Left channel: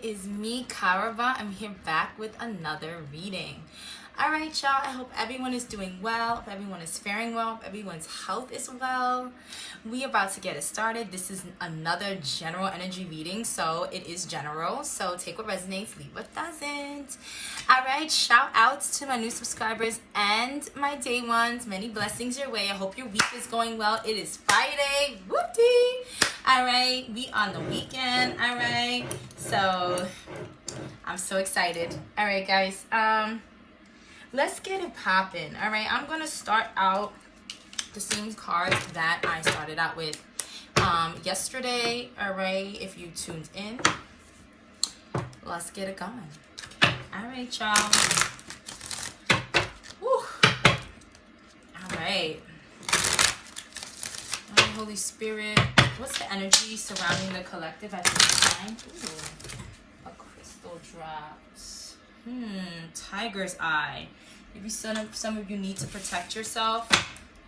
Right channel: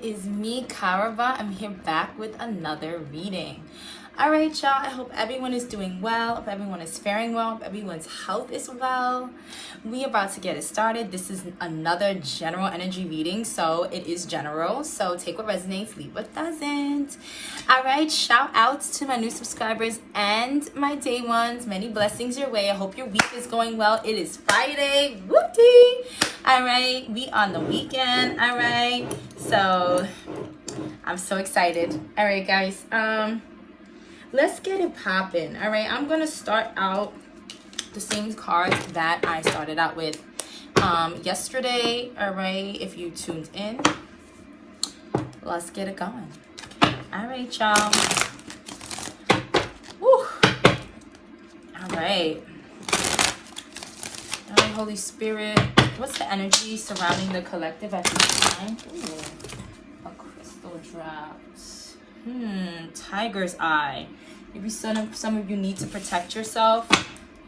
it is me, Karaba. I'm here back with another reading. All right, y'all. I hope everyone is doing well. If everyone is faring well. If everyone's health is well. We are about to get it started. This is another general energy reading, so it is general. So take what resonates, leave what doesn't. All right. Shout outs to my new subscribers and my day ones. Many blessings your way. I hope your week is going well. It is Friday. Whoopty. All right. We on the weekend. All right. So I'm so excited. All right, guys. Let's get it popping. All right, I'm gonna start out the same cards that I started out with yesterday. All right, if you tuned in, let's get it going. All right, y'all. Woo. All right. All right, Holy Spirit. What's the energy surrounding the collective at this time? Ooh, a crystal drops. Tiger's eye. Maybe some of you need to protect yourself.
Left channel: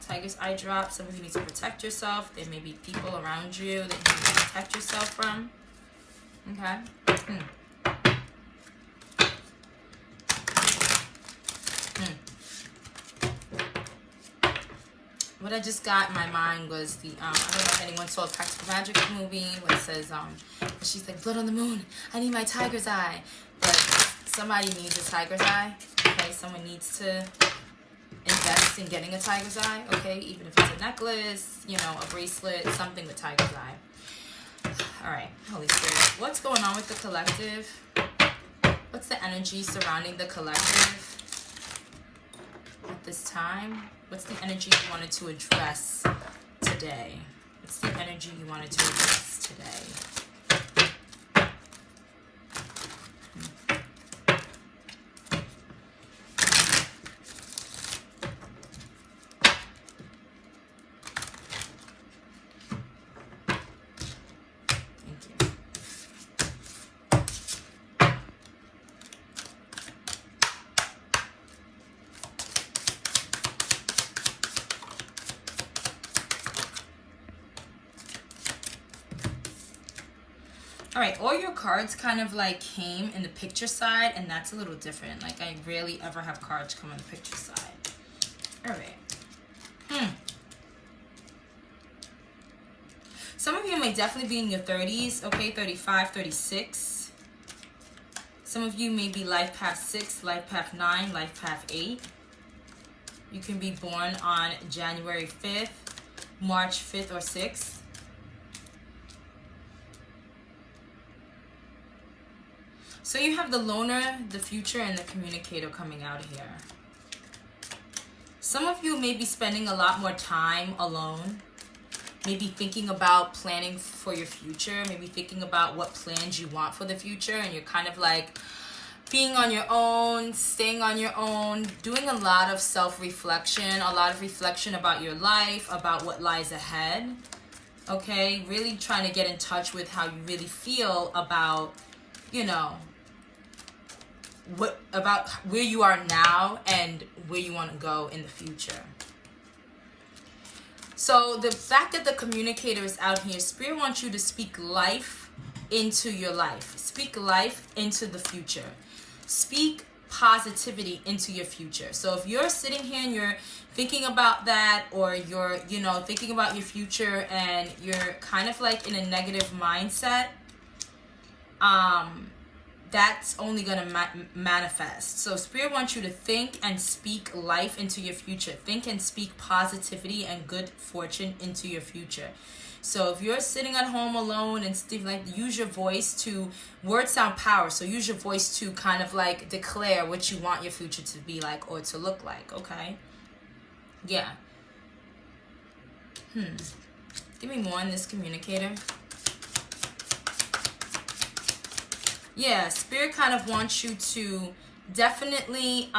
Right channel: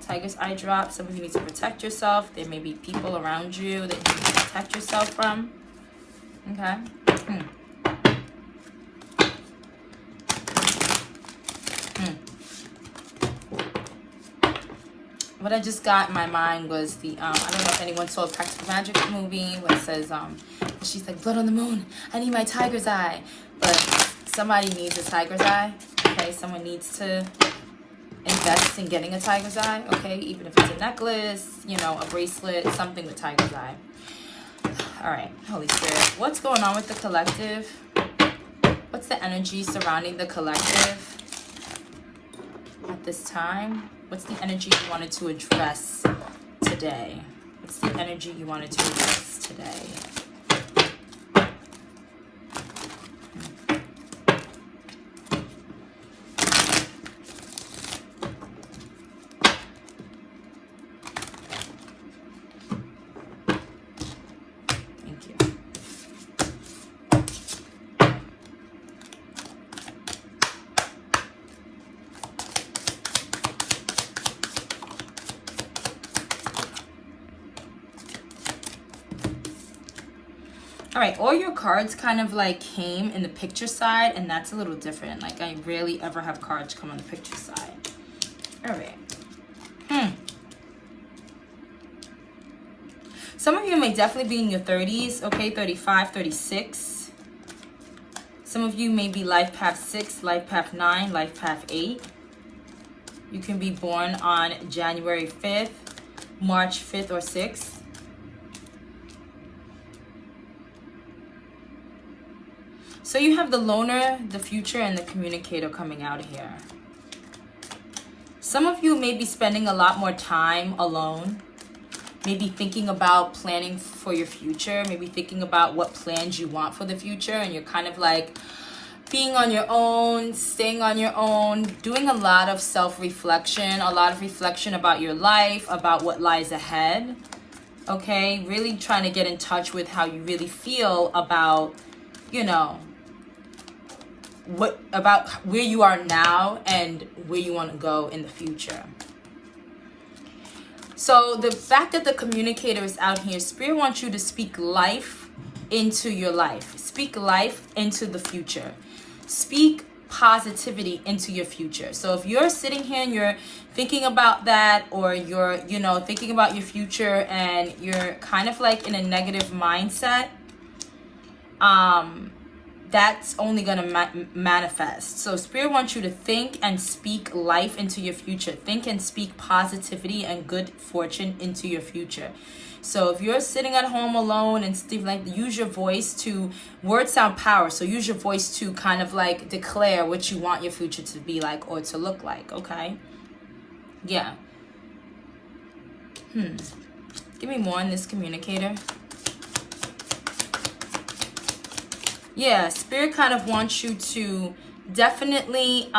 Tiger's eye drop. Some of you need to protect yourself. There may be people around you that you need to protect yourself from. Okay. What I just got in my mind was the I don't know if anyone saw a Practical Magic movie where it says she's like, blood on the moon, I need my tiger's eye. But somebody needs a tiger's eye. Okay, someone needs to invest in getting a tiger's eye. Okay, even if it's a necklace, you know, a bracelet, something with tiger's eye. All right, Holy Spirit, what's going on with the collective? What's the energy surrounding the collective at this time? What's the energy you wanted to address today? What's the energy you wanted to address today? All right, all your cards kind of like came in the picture side, and that's a little different. Like, I rarely ever have cards come on the picture side. All right. Some of you may definitely be in your 30s, okay, 35, 36. Some of you may be life path 6, life path 9, life path 8. You can be born on January 5th, March 5th, or 6th. So you have the loner, the future, and the communicator coming out here. Some of you may be spending a lot more time alone. Maybe thinking about planning for your future. Maybe thinking about what plans you want for the future. And you're kind of like being on your own, staying on your own, doing a lot of self-reflection, a lot of reflection about your life, about what lies ahead. Okay? Really trying to get in touch with how you really feel about, you know, about where you are now and where you want to go in the future. So the fact that the communicator is out here, Spirit wants you to speak life into your life. Speak life into the future. Speak positivity into your future. So if you're sitting here and you're thinking about that, or you're, you know, thinking about your future and you're kind of like in a negative mindset, that's only going to manifest. So Spirit wants you to think and speak life into your future. Think and speak positivity and good fortune into your future. So if you're sitting at home alone and like, use your voice to, words sound power. So use your voice to kind of like declare what you want your future to be like or to look like. Okay. Yeah. Give me more on this communicator. Yeah, Spirit kind of wants you to definitely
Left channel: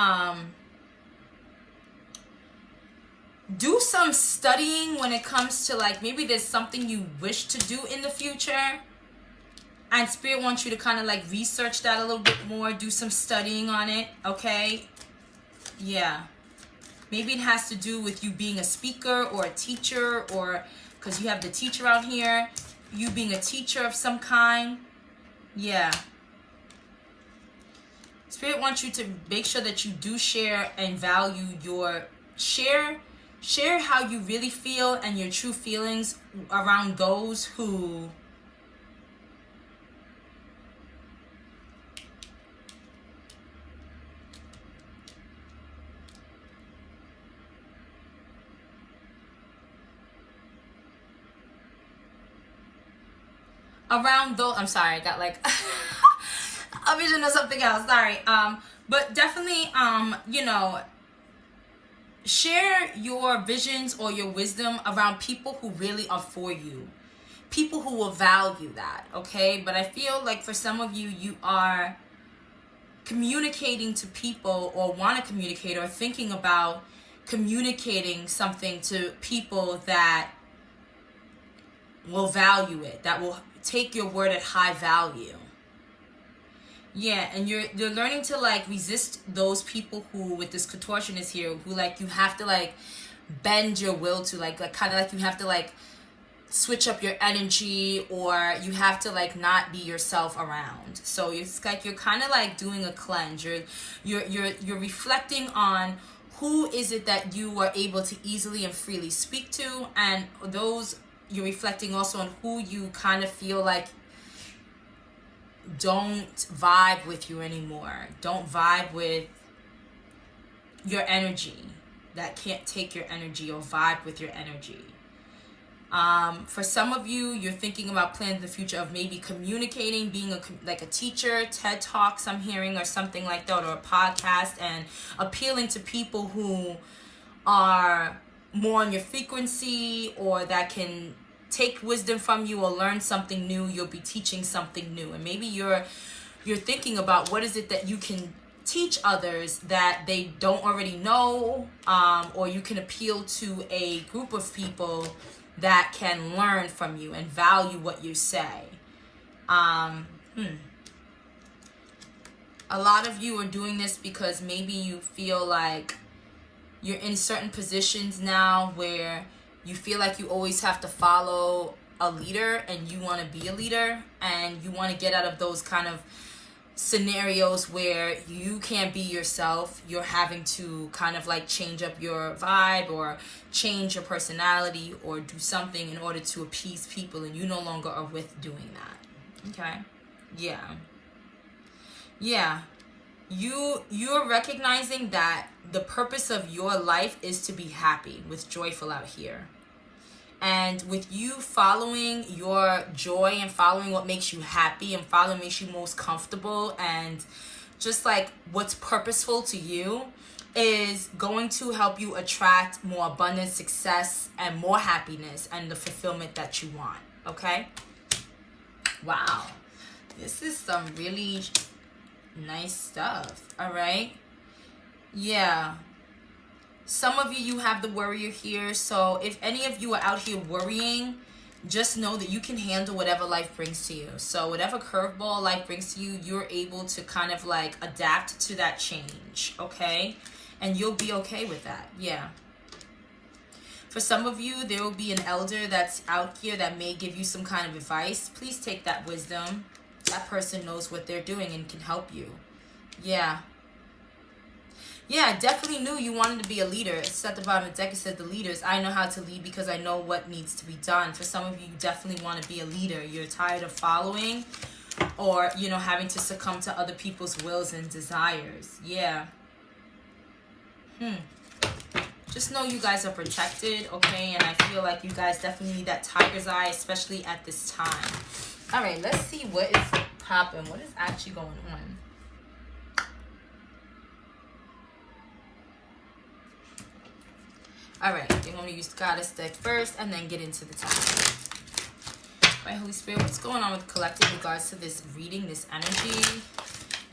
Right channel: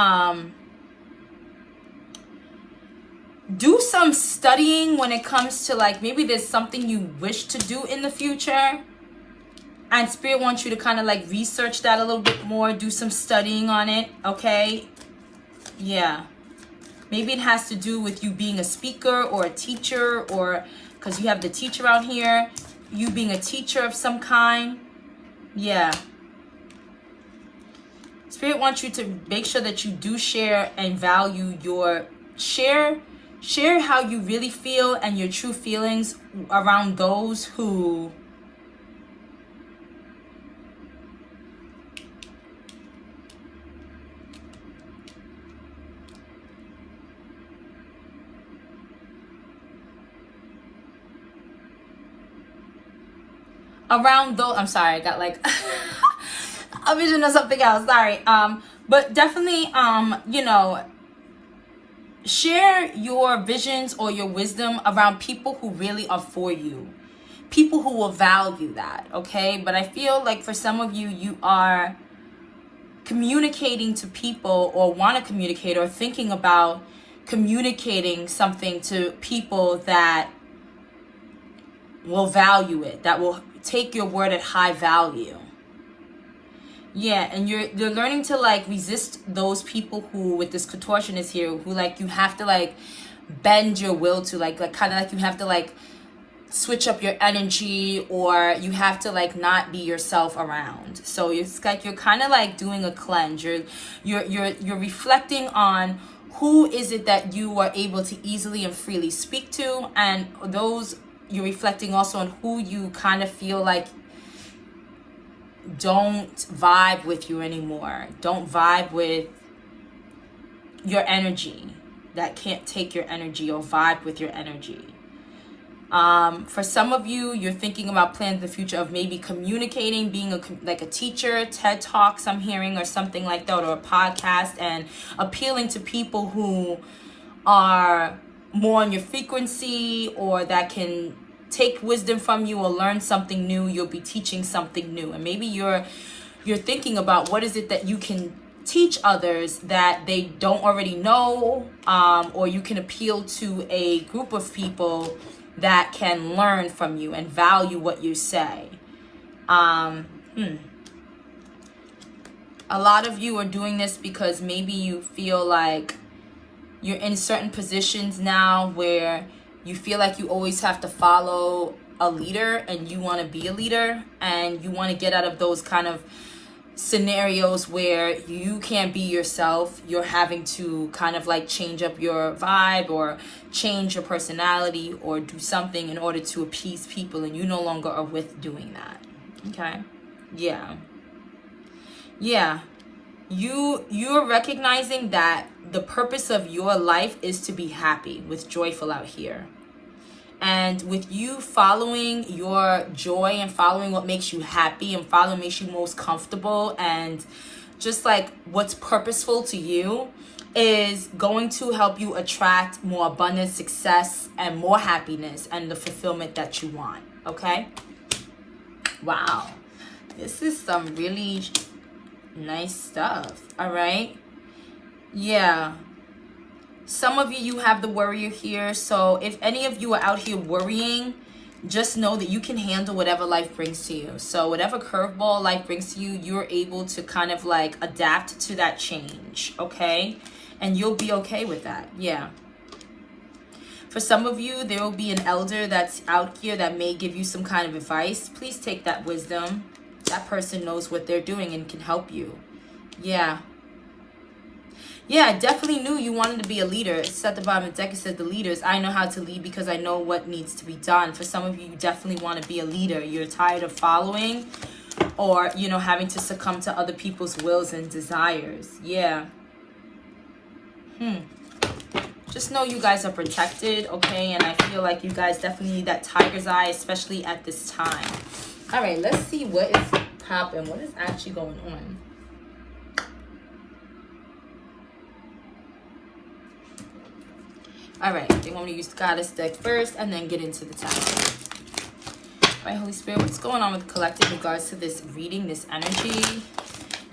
do some studying when it comes to, like, maybe there's something you wish to do in the future. And Spirit wants you to kind of like research that a little bit more, do some studying on it, okay? Yeah. Maybe it has to do with you being a speaker or a teacher, or because you have the teacher out here, you being a teacher of some kind. Yeah. Spirit wants you to make sure that you do share and value your share how you really feel and your true feelings around those who I'm sorry, I got like a vision of something else, sorry. But definitely, you know, share your visions or your wisdom around people who really are for you, people who will value that, okay? But I feel like for some of you, you are communicating to people or want to communicate or thinking about communicating something to people that will value it, that will take your word at high value. Yeah, and you're learning to like resist those people who, with this contortionist here, who like you have to like bend your will to, like kind of like you have to like switch up your energy, or you have to like not be yourself around. So it's like you're kind of like doing a cleanse. You're reflecting on who is it that you are able to easily and freely speak to, and those you're reflecting also on who you kind of feel like don't vibe with you anymore, don't vibe with your energy, that can't take your energy or vibe with your energy. For some of you, you're thinking about plans in the future of maybe communicating, being like a teacher, TED Talks I'm hearing, or something like that, or a podcast, and appealing to people who are more on your frequency, or that can take wisdom from you or learn something new. You'll be teaching something new, and maybe you're thinking about what is it that you can teach others that they don't already know, or you can appeal to a group of people that can learn from you and value what you say. A lot of you are doing this because maybe you feel like you're in certain positions now where you feel like you always have to follow a leader, and you want to be a leader, and you want to get out of those kind of scenarios where you can't be yourself. You're having to kind of like change up your vibe or change your personality or do something in order to appease people, and you no longer are with doing that. Okay? Yeah. You're recognizing that the purpose of your life is to be happy, with joyful out here. And with you following your joy and following what makes you happy and following what makes you most comfortable, and just like what's purposeful to you, is going to help you attract more abundance, success, and more happiness and the fulfillment that you want. Okay? Wow. This is some really nice stuff. All right? Yeah. Some of you have the worrier here. So if any of you are out here worrying, just know that you can handle whatever life brings to you. So whatever curveball life brings to you, you're able to kind of like adapt to that change. Okay? And you'll be okay with that. Yeah. For some of you, there will be an elder that's out here that may give you some kind of advice. Please take that wisdom. That person knows what they're doing and can help you. Yeah. Yeah, I definitely knew you wanted to be a leader. It's at the bottom of the deck. It said the leaders. I know how to lead because I know what needs to be done. For some of you, you definitely want to be a leader. You're tired of following or, you know, having to succumb to other people's wills and desires. Yeah. Just know you guys are protected, okay? And I feel like you guys definitely need that tiger's eye, especially at this time. All right, let's see what is popping. What is actually going on? All right, they want me to use the Goddess deck first and then get into the time. All right, Holy Spirit, what's going on with the collective in regards to this reading, this energy?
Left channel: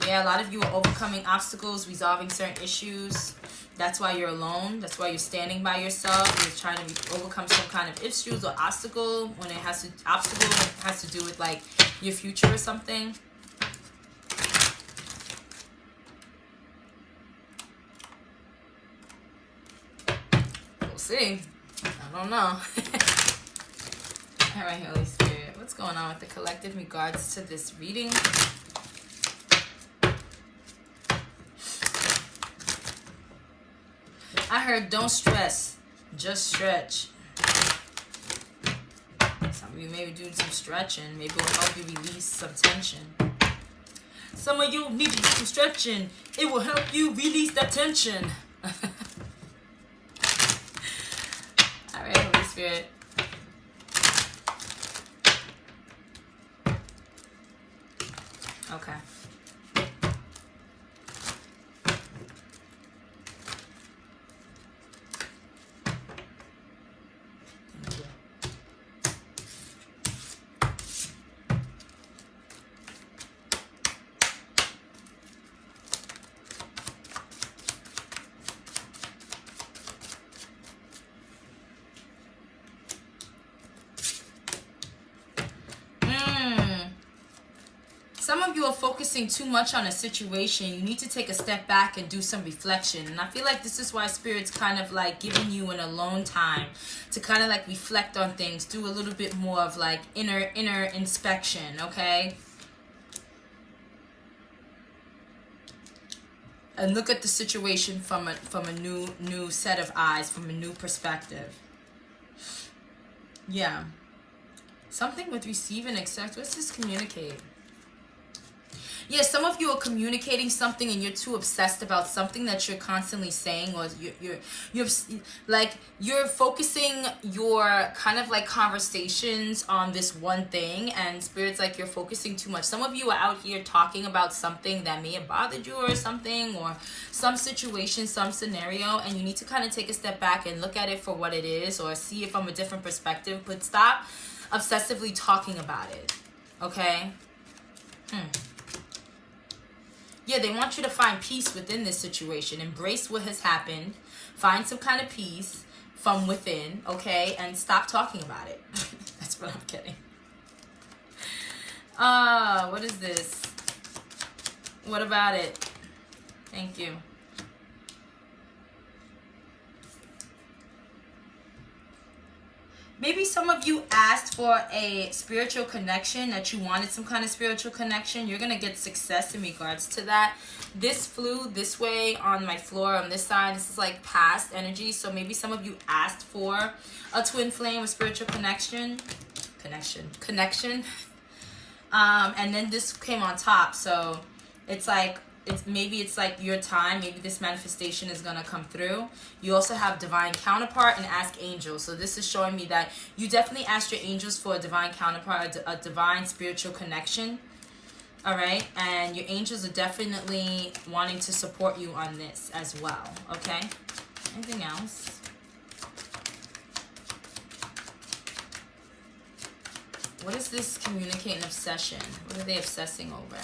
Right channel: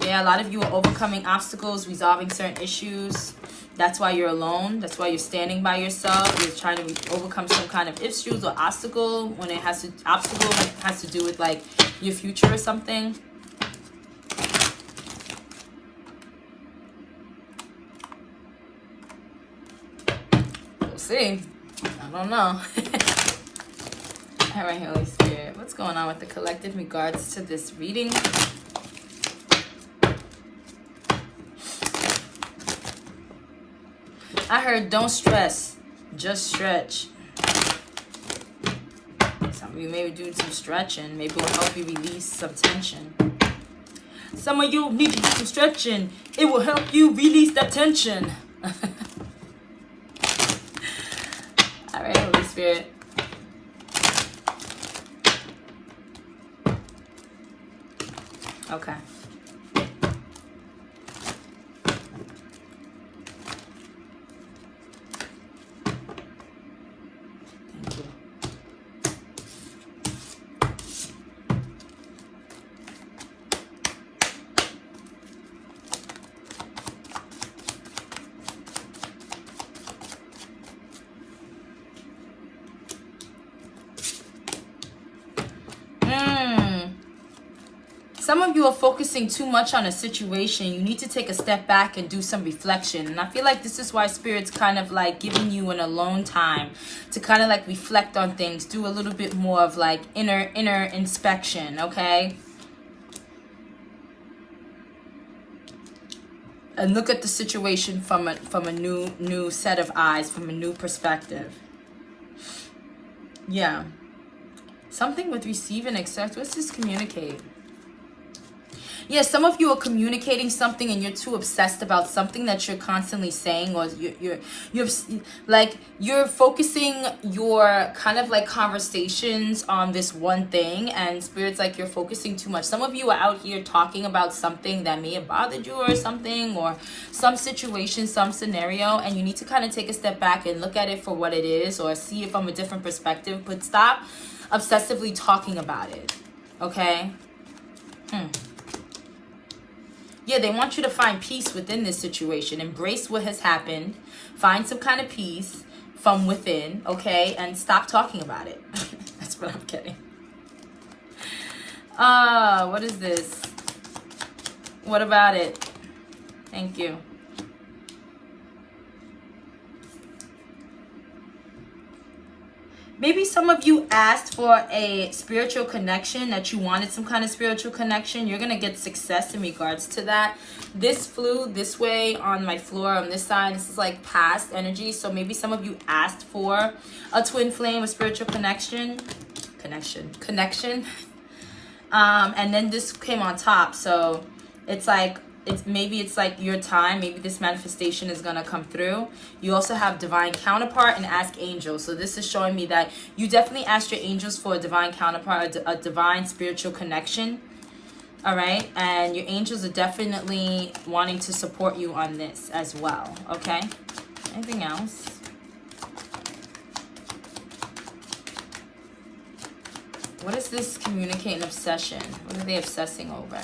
Yeah, a lot of you are overcoming obstacles, resolving certain issues. That's why you're alone. That's why you're standing by yourself. You're trying to overcome some kind of issues or obstacle when it has to do with like your future or something. We'll see. I don't know. All right, Holy Spirit, what's going on with the collective in regards to this reading? I heard don't stress, just stretch. Some of you may be doing some stretching. Maybe it will help you release some tension. Some of you need to do some stretching. It will help you release that tension. All right, Holy Spirit. Okay. Thank you. Some of you are focusing too much on a situation. You need to take a step back and do some reflection. And I feel like this is why Spirit's kind of like giving you an alone time to kind of like reflect on things, do a little bit more of like inner inspection, okay? And look at the situation from a new set of eyes, from a new perspective. Yeah. Something with receive and accept. What's this communicate? Yeah, some of you are communicating something and you're too obsessed about something that you're constantly saying, or you're focusing your kind of like conversations on this one thing, and Spirit's like you're focusing too much. Some of you are out here talking about something that may have bothered you or something, or some situation, some scenario, and you need to kind of take a step back and look at it for what it is, or see it from a different perspective, but stop obsessively talking about it, okay? Yeah, they want you to find peace within this situation. Embrace what has happened. Find some kind of peace from within, okay? And stop talking about it. That's what I'm getting. What is this? What about it? Thank you. Maybe some of you asked for a spiritual connection, that you wanted some kind of spiritual connection. You're going to get success in regards to that. This flew this way on my floor on this side. This is like past energy. So maybe some of you asked for a twin flame, a spiritual connection. And then this came on top. So it's like, maybe it's like your time. Maybe this manifestation is going to come through. You also have divine counterpart and ask angels. So this is showing me that you definitely asked your angels for a divine counterpart, a divine spiritual connection. All right. And your angels are definitely wanting to support you on this as well. Okay. Anything else? What is this communicating obsession? What are they obsessing over?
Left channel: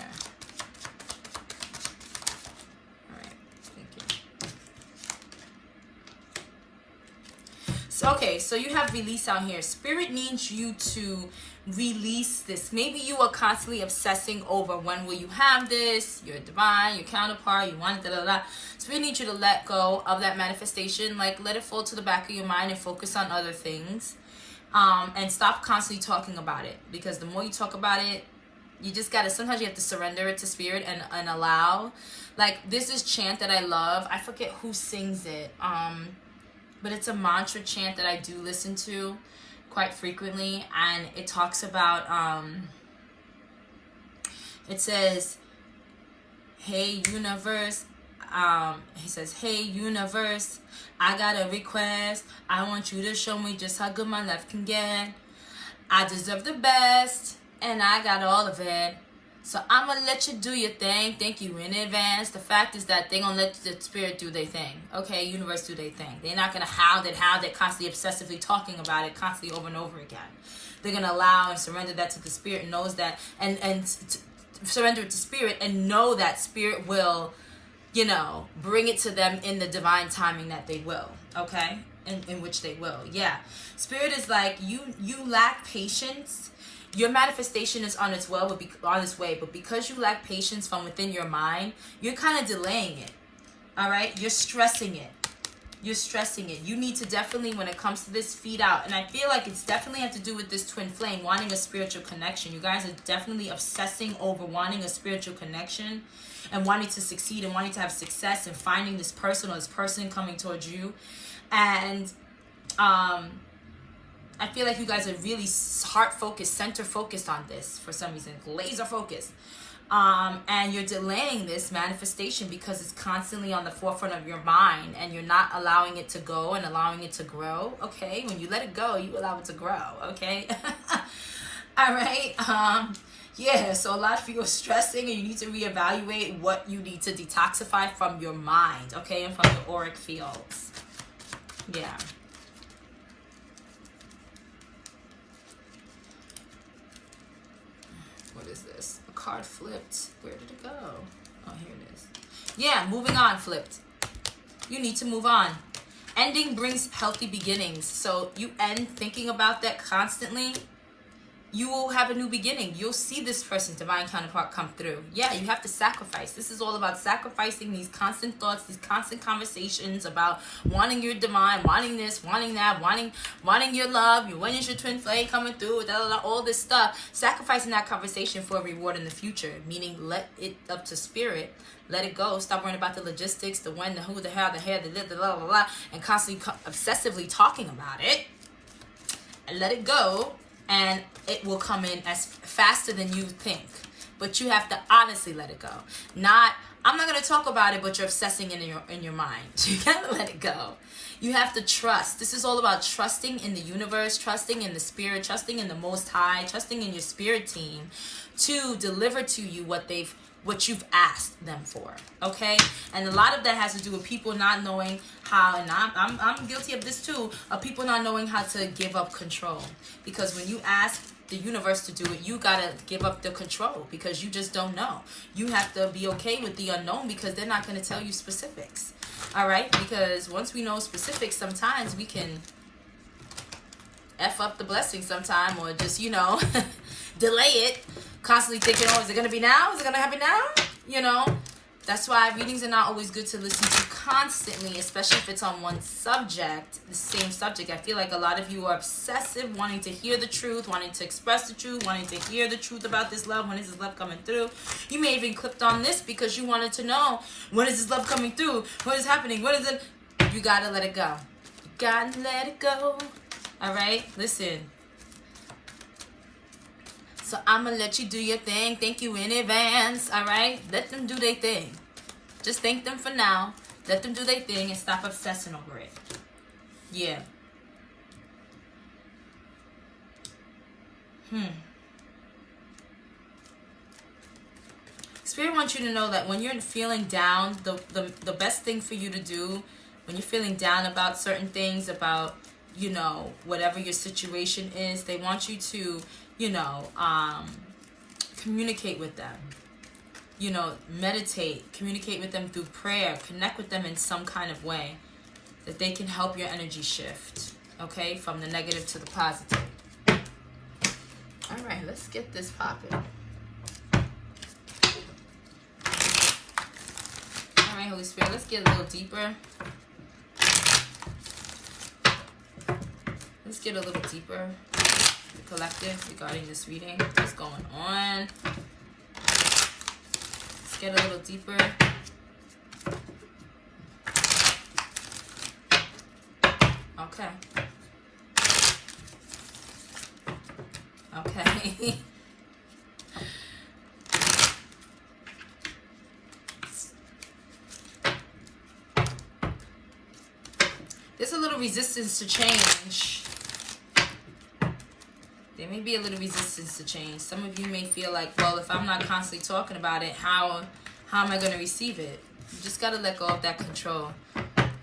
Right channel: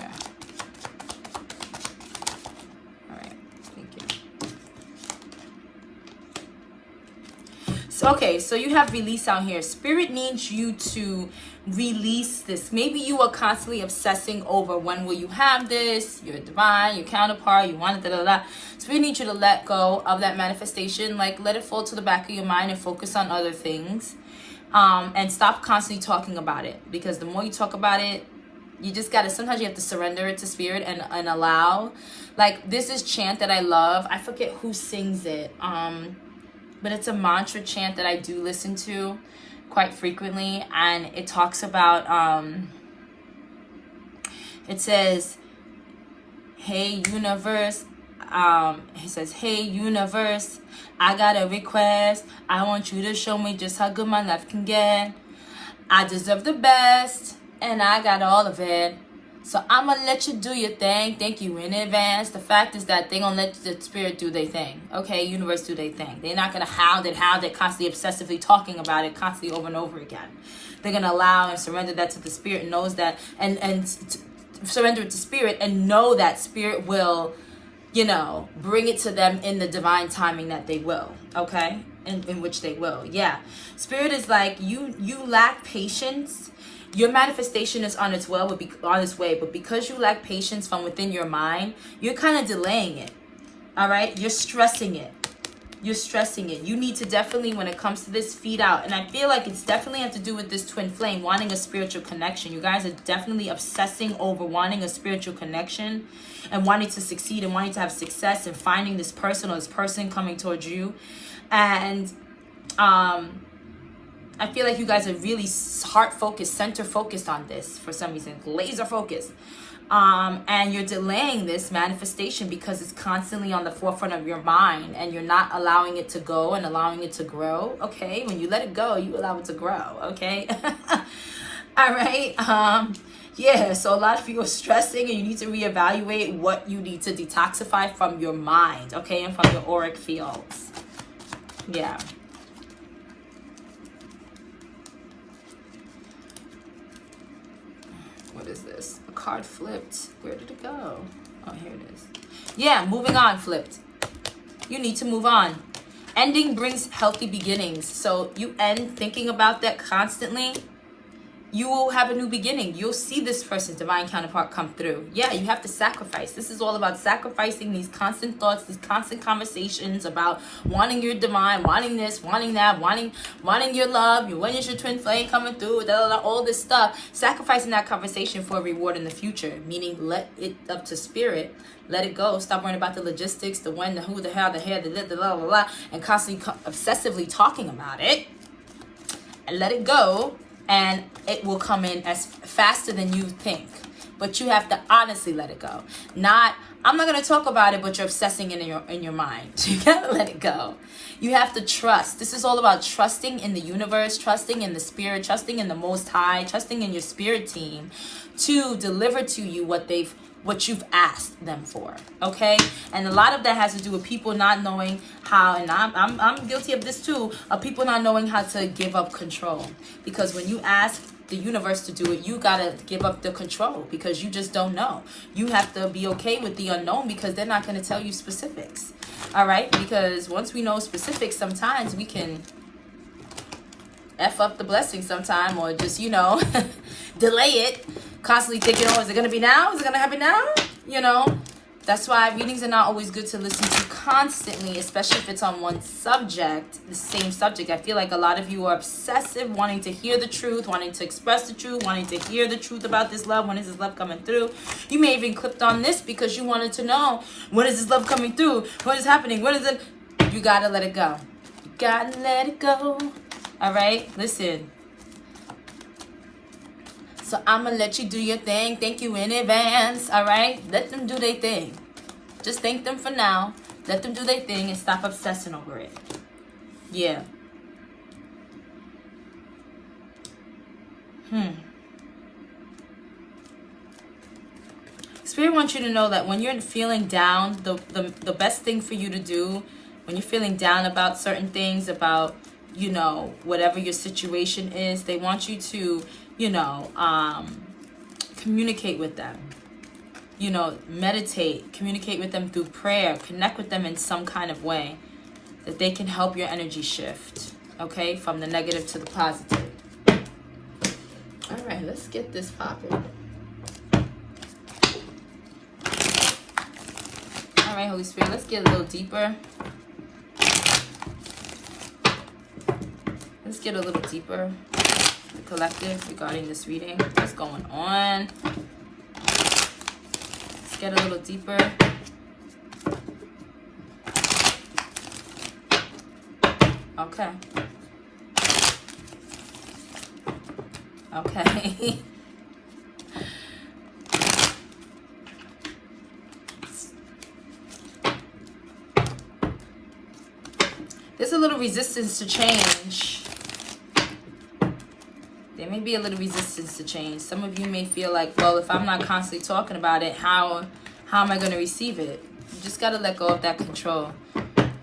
Okay, so you have release out here. Spirit needs you to release this. Maybe you are constantly obsessing over when will you have this, your divine, your counterpart, you want it, Spirit needs you to let go of that manifestation. Like, let it fall to the back of your mind and focus on other things. And stop constantly talking about it. Because the more you talk about it, you just gotta, sometimes you have to surrender it to Spirit and allow. Like, this is chant that I love. I forget who sings it. But it's a mantra chant that I do listen to quite frequently. And it talks about, it says, hey, universe. It says, hey, universe, I got a request. I want you to show me just how good my life can get. I deserve the best, and I got all of it. So I'm going to let you do your thing. Thank you in advance. The fact is that they're going to let the Spirit do their thing. Okay, universe do their thing. They're not going to hound it, constantly obsessively talking about it, constantly over and over again. They're going to allow and surrender that to the Spirit, knows that, and surrender it to Spirit, and know that Spirit will, bring it to them in the divine timing that they will. Okay, in which they will. Yeah, Spirit is like, you lack patience. Your manifestation is on its way, but because you lack patience from within your mind, you're kind of delaying it. All right? You're stressing it. You're stressing it. You need to definitely, when it comes to this, feed out. And I feel like it's definitely has to do with this twin flame, wanting a spiritual connection. You guys are definitely obsessing over wanting a spiritual connection and wanting to succeed and wanting to have success and finding this person or this person coming towards you. And I feel like you guys are really heart-focused, center-focused on this for some reason, laser-focused. And you're delaying this manifestation because it's constantly on the forefront of your mind and you're not allowing it to go and allowing it to grow. Okay, when you let it go, you allow it to grow. Okay. All right. Yeah, so a lot of you are stressing and you need to reevaluate what you need to detoxify from your mind, okay, and from your auric fields. Yeah. What is this? A card flipped. Where did it go? Oh, here it is. Yeah, moving on flipped. You need to move on. Ending brings healthy beginnings. So you end thinking about that constantly. You will have a new beginning. You'll see this person's divine counterpart come through. Yeah, you have to sacrifice. This is all about sacrificing these constant thoughts, these constant conversations about wanting your divine, wanting this, wanting that, wanting your love. When is your twin flame coming through? All this stuff. Sacrificing that conversation for a reward in the future. Meaning, let it up to spirit. Let it go. Stop worrying about the logistics, the when, the who, the how, the hair, the blah, blah, blah, and constantly obsessively talking about it. And let it go. And it will come in as faster than you think. But you have to honestly let it go. Not, I'm not going to talk about it, but you're obsessing in your mind. You got to let it go. You have to trust. This is all about trusting in the universe, trusting in the spirit, trusting in the Most High, trusting in your spirit team to deliver to you what you've asked them for, okay? And a lot of that has to do with people not knowing how, and I'm guilty of this too, of people not knowing how to give up control. Because when you ask the universe to do it, you gotta give up the control because you just don't know. You have to be okay with the unknown because they're not gonna tell you specifics, all right? Because once we know specifics, sometimes we can F up the blessing sometime or just, delay it. Constantly thinking, oh, is it going to be now? Is it going to happen now? That's why readings are not always good to listen to constantly, especially if it's on one subject, the same subject. I feel like a lot of you are obsessive, wanting to hear the truth, wanting to express the truth, wanting to hear the truth about this love. When is this love coming through? You may even clicked on this because you wanted to know, when is this love coming through? What is happening? What is it? You got to let it go. You got to let it go. All right? Listen. So I'm going to let you do your thing. Thank you in advance. All right? Let them do their thing. Just thank them for now. Let them do their thing and stop obsessing over it. Yeah. Spirit wants you to know that when you're feeling down, the best thing for you to do when you're feeling down about certain things, about, whatever your situation is, they want you to communicate with them, meditate, communicate with them through prayer, connect with them in some kind of way that they can help your energy shift, okay, from the negative to the positive. All right, let's get this popping. All right, Holy Spirit, let's get a little deeper. Let's get a little deeper. The collective regarding this reading. What's going on? Let's get a little deeper. Okay. Okay. There's a little resistance to change. There may be a little resistance to change. Some of you may feel like, well, if I'm not constantly talking about it, how am I going to receive it? You just got to let go of that control.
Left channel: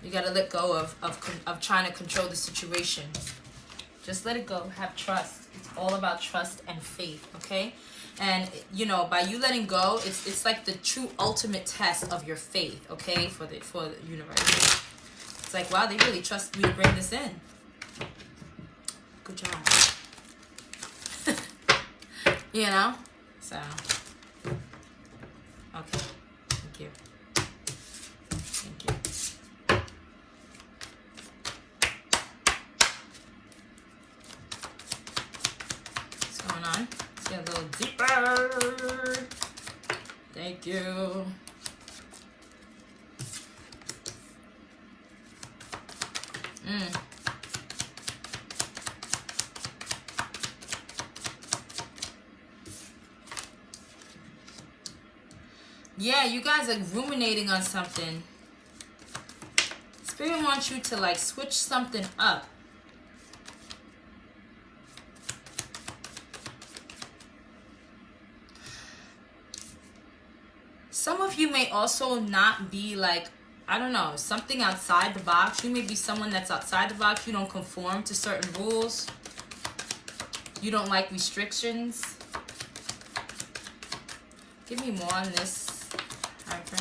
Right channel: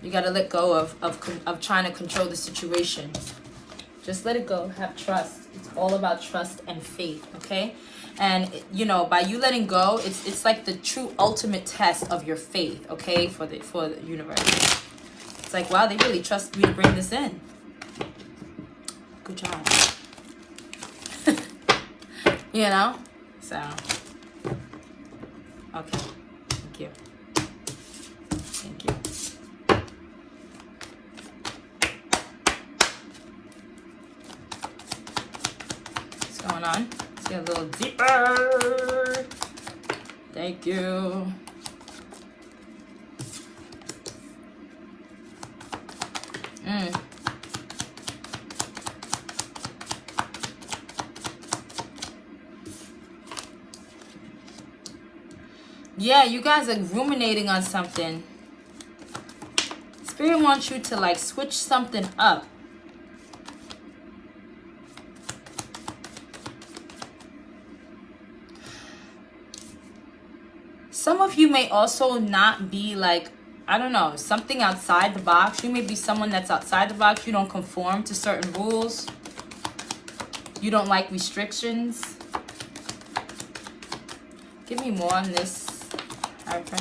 You got to let go of trying to control the situation. Just let it go. Have trust. It's all about trust and faith, okay? And, by you letting go, it's like the true ultimate test of your faith, okay, for the universe. It's like, wow, they really trust me to bring this in. Good job. So, okay, thank you. going on? Let's get a little deeper. Thank you. Yeah, you guys are ruminating on something. Spirit wants you to like switch something up. Some of you may also not be like, I don't know, something outside the box. You may be someone that's outside the box. You don't conform to certain rules. You don't like restrictions. Give me more on this. Okay.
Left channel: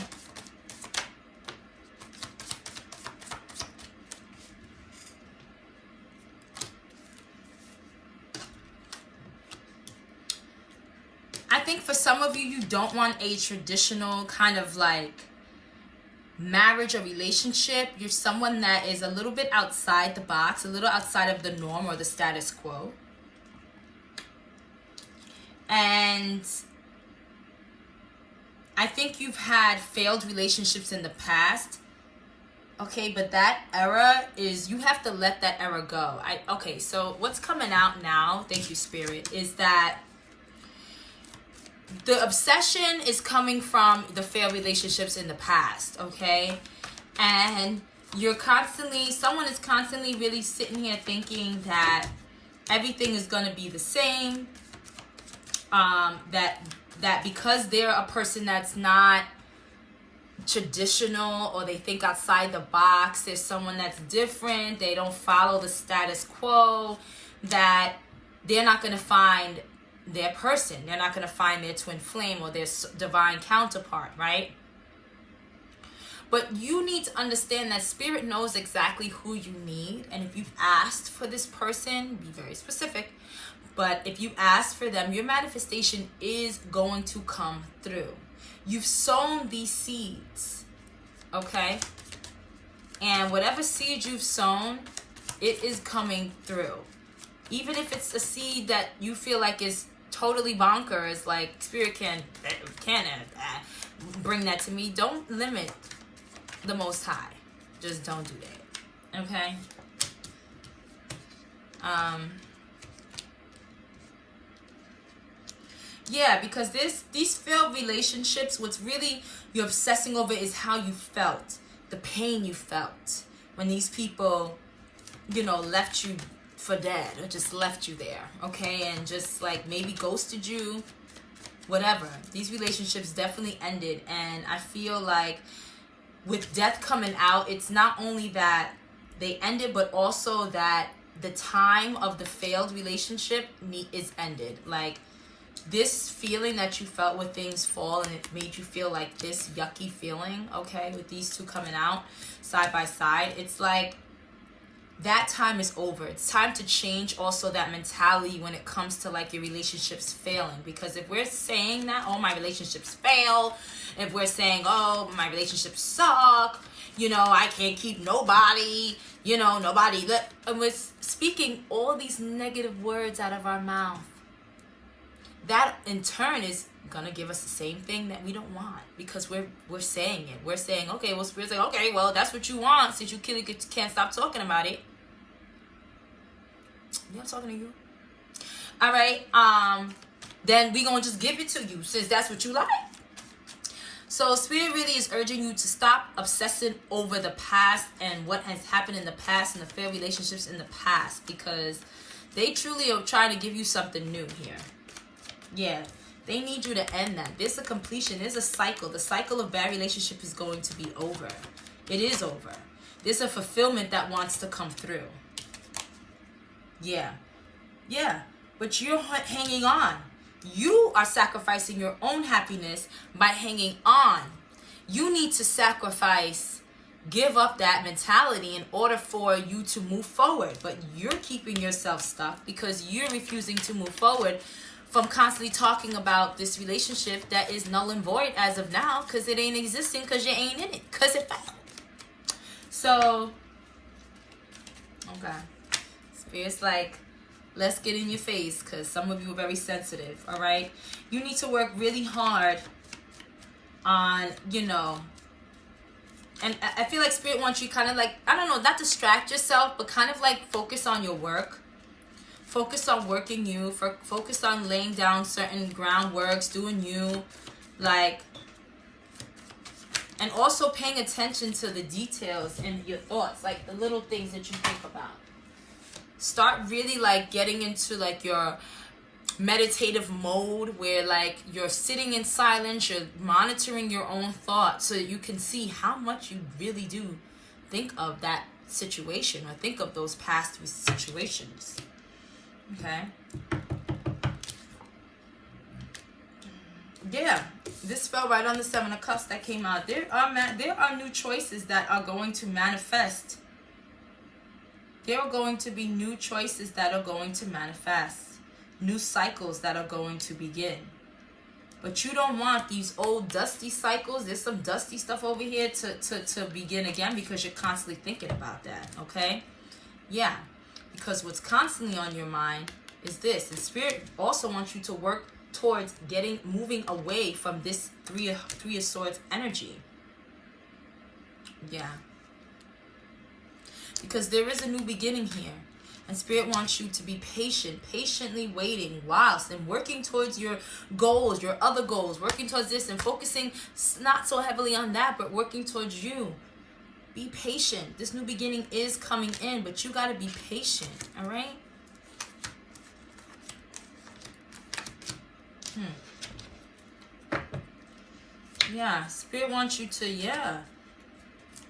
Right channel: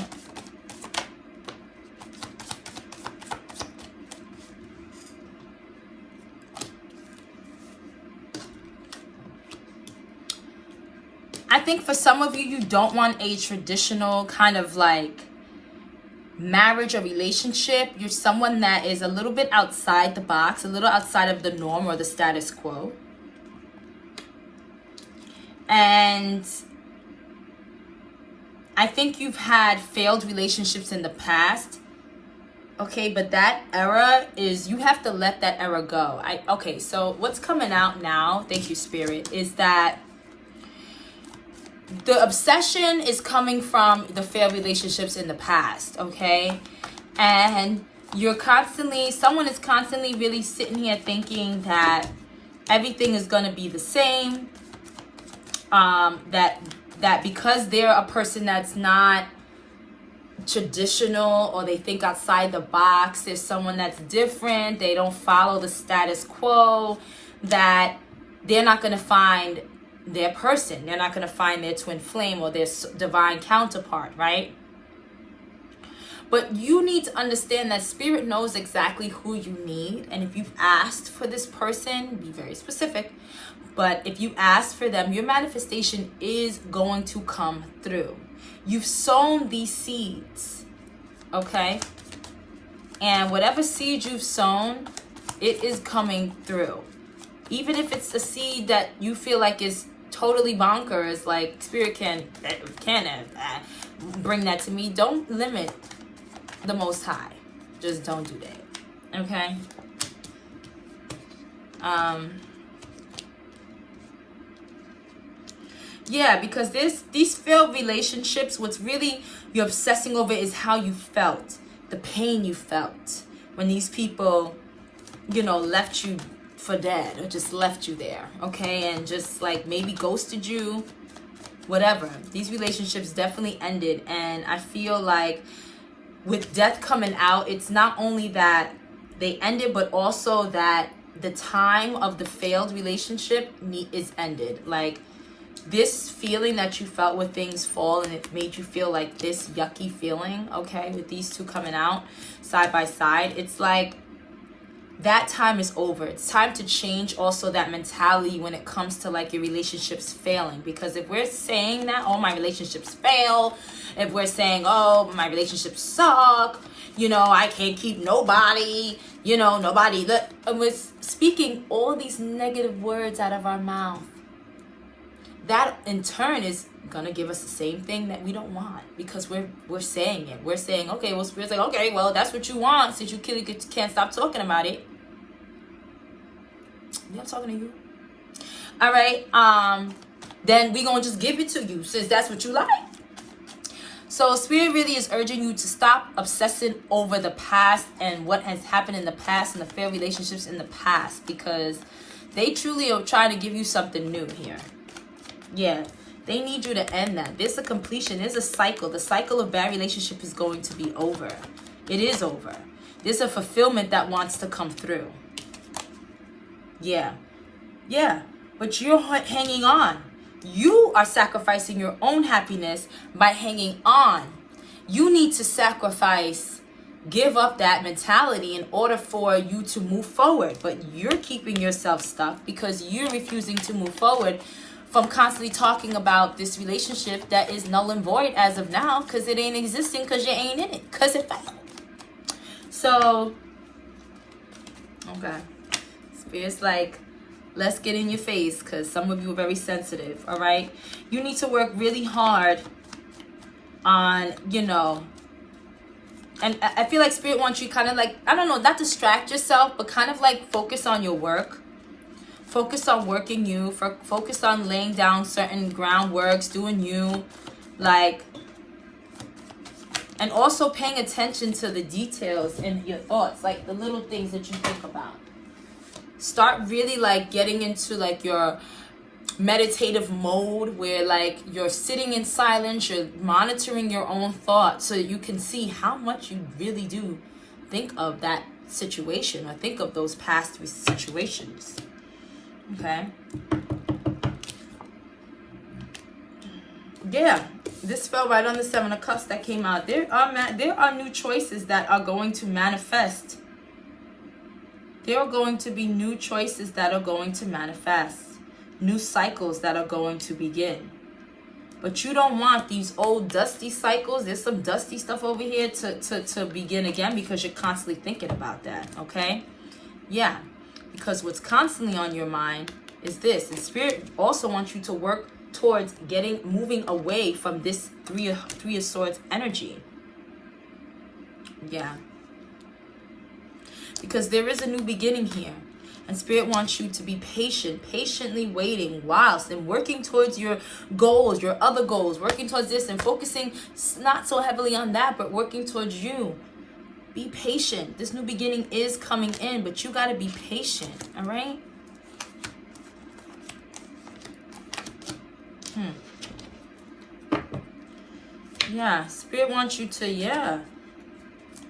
I think for some of you, you don't want a traditional kind of like marriage or relationship. You're someone that is a little bit outside the box, a little outside of the norm or the status quo. And I think you've had failed relationships in the past. Okay, but that era is, you have to let that era go. Okay, so what's coming out now, thank you, Spirit, is that the obsession is coming from the failed relationships in the past, okay? And someone is constantly really sitting here thinking that everything is going to be the same. That because they're a person that's not traditional, or they think outside the box, there's someone that's different, they don't follow the status quo, that they're not going to find their person. They're not going to find their twin flame or their divine counterpart, right? But you need to understand that Spirit knows exactly who you need. And if you've asked for this person, be very specific. But if you ask for them, your manifestation is going to come through. You've sown these seeds, okay? And whatever seed you've sown, it is coming through. Even if it's a seed that you feel like is totally bonkers, like Spirit can bring that to me. Don't limit the Most High. Just don't do that, okay? Yeah, because these failed relationships, what's really you're obsessing over is how you felt, the pain you felt when these people, left you for dead or just left you there, okay? And just like maybe ghosted you, whatever. These relationships definitely ended. And I feel like with death coming out, it's not only that they ended, but also that the time of the failed relationship is ended. Like, this feeling that you felt when things fall and it made you feel like this yucky feeling, okay, with these two coming out side by side, it's like that time is over. It's time to change also that mentality when it comes to like your relationships failing. Because if we're saying that, oh, my relationships fail, if we're saying, oh, my relationships suck, I can't keep nobody, nobody, and we're speaking all these negative words out of our mouth, that in turn is gonna give us the same thing that we don't want, because we're saying it. We're saying, okay, well, Spirit's like, okay, well, that's what you want since you can't stop talking about it. Yeah, I'm talking to you. All right, then we gonna just give it to you since that's what you like. So Spirit really is urging you to stop obsessing over the past and what has happened in the past and the failed relationships in the past, because they truly are trying to give you something new here. Yeah, they need you to end that. There's a completion. There's a cycle. The cycle of bad relationship is going to be over. It is over. There's a fulfillment that wants to come through. Yeah. Yeah. But you're hanging on. You are sacrificing your own happiness by hanging on. You need to sacrifice, give up that mentality in order for you to move forward. But you're keeping yourself stuck because you're refusing to move forward from constantly talking about this relationship that is null and void as of now, because it ain't existing, because you ain't in it, because it failed. So, okay. Spirit's like, Let's get in your face, because some of you are very sensitive, all right? You need to work really hard on, you know, and I feel like Spirit wants you kind of like, I don't know, not distract yourself, but kind of like focus on your work. Focus on working you. Focus on laying down certain groundworks, doing you. Like, and also paying attention to the details in your thoughts, like the little things that you think about. Start really like getting into like your meditative mode where like you're sitting in silence, you're monitoring your own thoughts so that you can see how much you really do think of that situation or think of those past situations. Okay. Yeah, this fell right on the Seven of Cups that came out. There are new choices that are going to manifest. There are going to be new choices that are going to manifest. New cycles that are going to begin. But you don't want these old dusty cycles. There's some dusty stuff over here to begin again, because you're constantly thinking about that, okay? Yeah, because what's constantly on your mind is this. And Spirit also wants you to work towards moving away from this three of Swords energy. Yeah. Because there is a new beginning here. And Spirit wants you to be patient, patiently waiting whilst and working towards your goals, your other goals, working towards this and focusing not so heavily on that, but working towards you. Be patient. This new beginning is coming in, but you got to be patient, all right? Yeah, Spirit wants you to,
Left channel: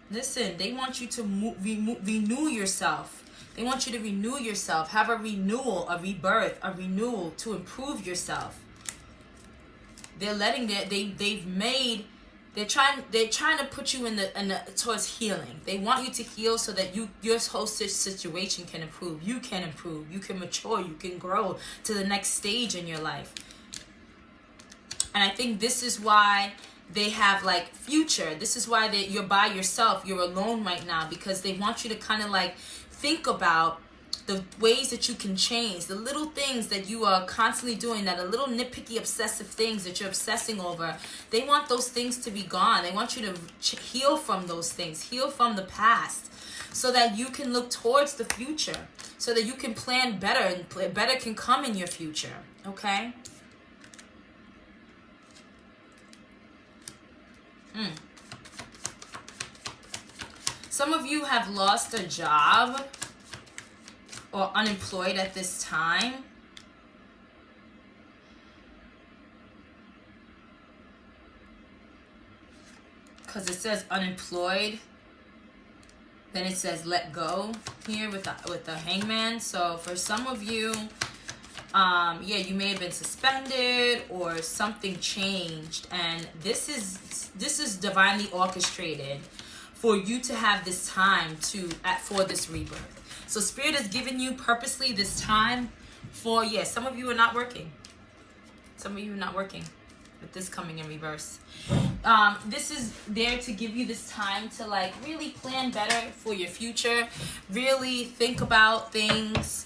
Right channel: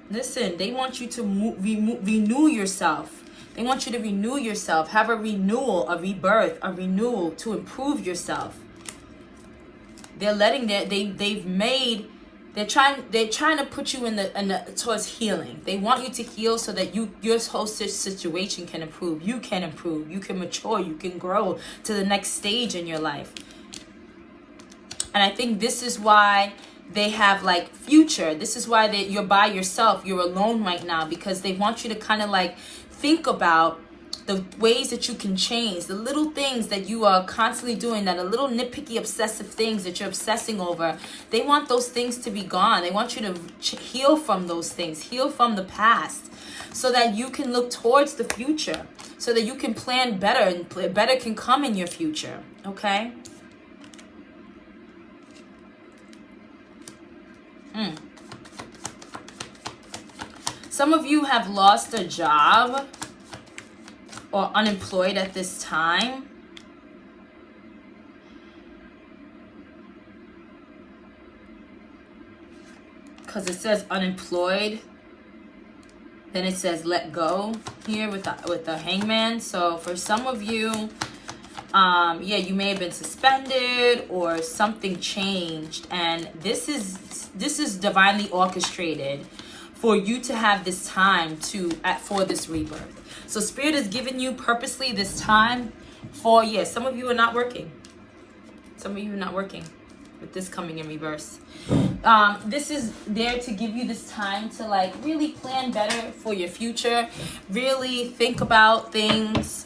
listen, they want you to renew yourself. They want you to renew yourself, have a renewal, a rebirth, a renewal to improve yourself. They're letting they're trying to put you in the towards healing. They want you to heal so that your whole situation can improve. You can improve. You can mature. You can grow to the next stage in your life. And I think this is why they have like future. This is why you're by yourself. You're alone right now, because they want you to kind of like think about the ways that you can change, the little things that you are constantly doing, that are little nitpicky, obsessive things that you're obsessing over. They want those things to be gone. They want you to heal from those things, heal from the past, so that you can look towards the future, so that you can plan better, and better can come in your future, okay? Some of you have lost a job or unemployed at this time. Because it says unemployed. Then it says let go here with the Hangman. So for some of you, you may have been suspended or something changed. And this is divinely orchestrated for you to have this time for this rebirth. So Spirit has given you purposely this time for, some of you are not working. Some of you are not working with this coming in reverse. This is there to give you this time to like really plan better for your future. Really think about things.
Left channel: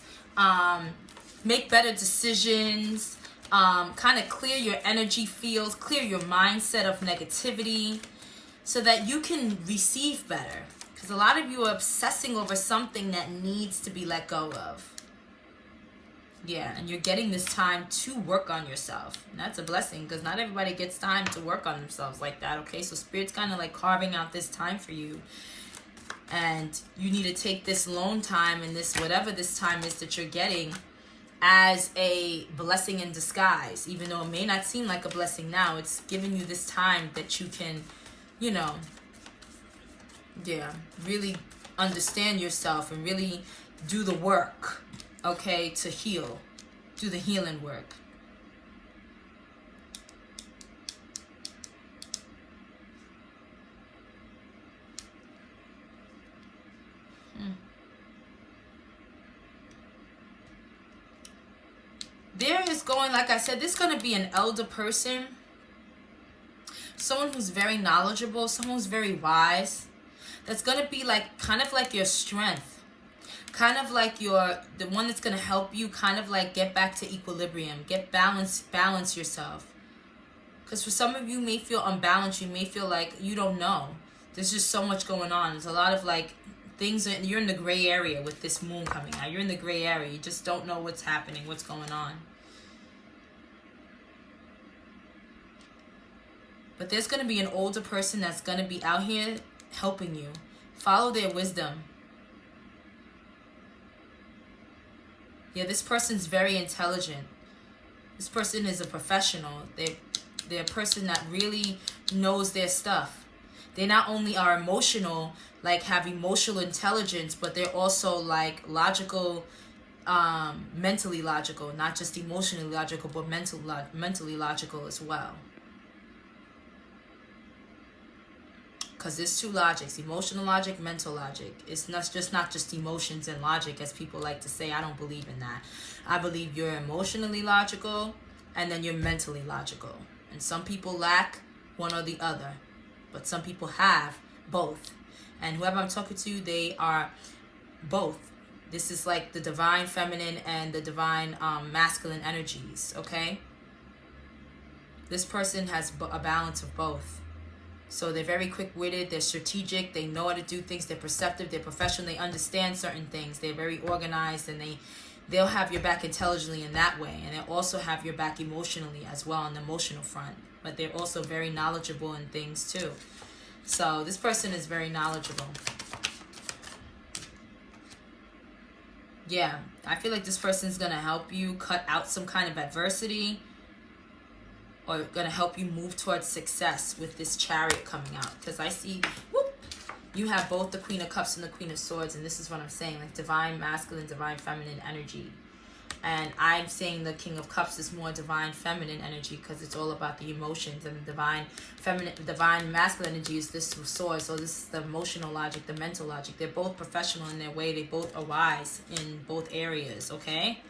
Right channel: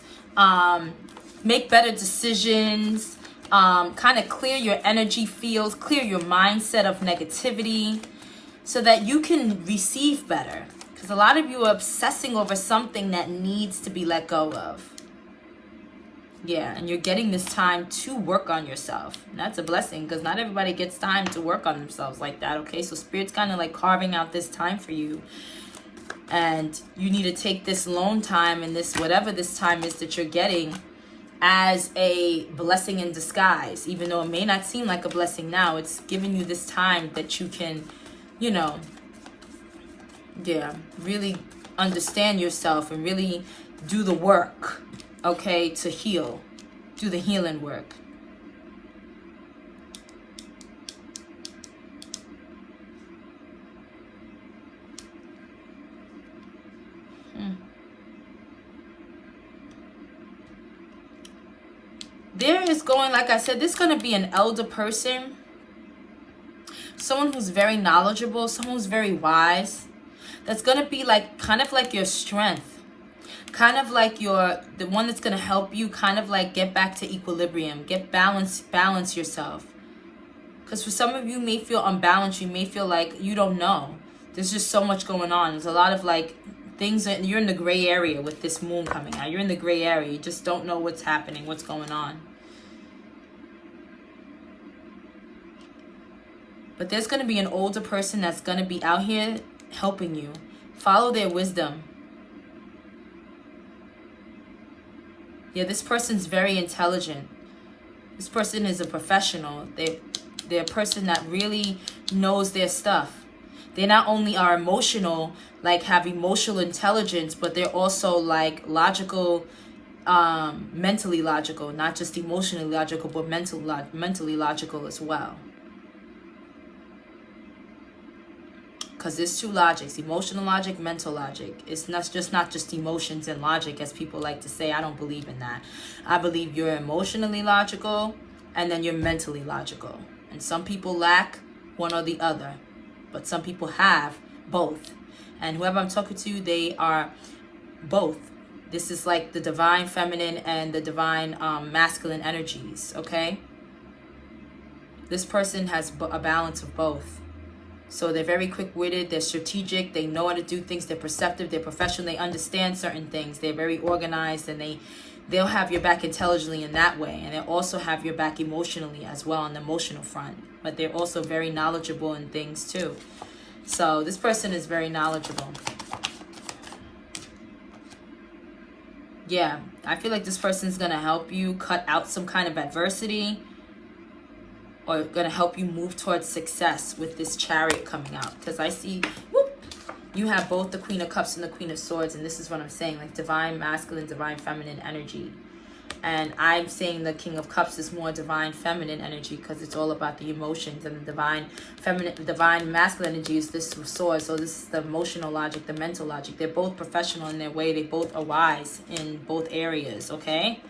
Make better decisions. Kind of clear your energy fields. Clear your mindset of negativity, so that you can receive better. Because a lot of you are obsessing over something that needs to be let go of. Yeah, and you're getting this time to work on yourself. And that's a blessing, because not everybody gets time to work on themselves like that, okay? So Spirit's kind of like carving out this time for you. And you need to take this alone time and this, whatever this time is that you're getting, as a blessing in disguise. Even though it may not seem like a blessing now, it's giving you this time that you can, really understand yourself and really do the work, okay, to heal. Do the healing work. There is going, like I said, this is going to be an elder person. Someone who's very knowledgeable, someone who's very wise. That's going to be like, kind of like your strength. kind of like the one that's going to help you kind of like get back to equilibrium, get balance yourself. Because for some of you may feel unbalanced, you may feel like you don't know. There's just so much going on. There's a lot of like things that you're in the gray area with this moon coming out. You're in the gray area. You just don't know what's happening, what's going on. But there's going to be an older person that's going to be out here helping you. Follow their wisdom. Yeah, this person's very intelligent. This person is a professional. They're a person that really knows their stuff. They not only are emotional, like have emotional intelligence, but they're also like logical, mentally logical, not just emotionally logical, but mentally logical as well. Because there's two logics, emotional logic, mental logic. It's not just emotions and logic, as people like to say. I don't believe in that. I believe you're emotionally logical and then you're mentally logical. And some people lack one or the other, but some people have both. And whoever I'm talking to, they are both. This is like the divine feminine and the divine masculine energies, okay? This person has a balance of both. So they're very quick-witted, they're strategic, they know how to do things, they're perceptive, they're professional, they understand certain things, they're very organized, and they'll have your back intelligently in that way, and they'll also have your back emotionally as well on the emotional front. But they're also very knowledgeable in things too. So this person is very knowledgeable. Yeah, I feel like this person's going to help you cut out some kind of adversity, or going to help you move towards success with this Chariot coming out. Because I see, whoop, you have both the Queen of Cups and the Queen of Swords. And this is what I'm saying, like divine masculine, divine feminine energy. And I'm saying the King of Cups is more divine feminine energy because it's all about the emotions. And the divine feminine, divine masculine energy is this sword. So this is the emotional logic, the mental logic. They're both professional in their way. They both are wise in both areas, okay?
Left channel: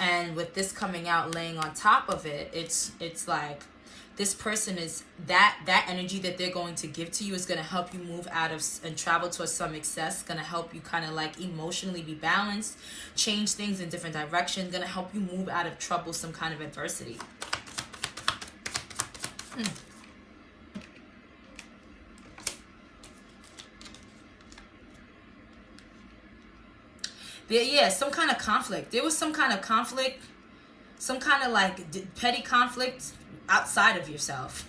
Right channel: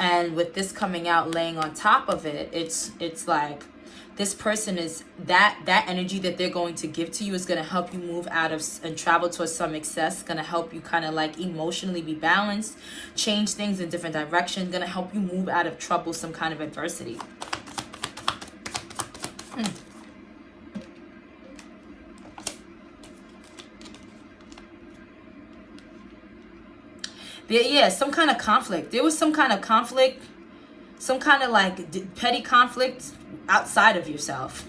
And with this coming out, laying on top of it, it's like this person is that energy that they're going to give to you is going to help you move out of and travel towards some success. Going to help you kind of like emotionally be balanced, change things in different directions. Going to help you move out of trouble, some kind of adversity. Yeah, some kind of conflict. There was some kind of conflict, some kind of like petty conflict outside of yourself.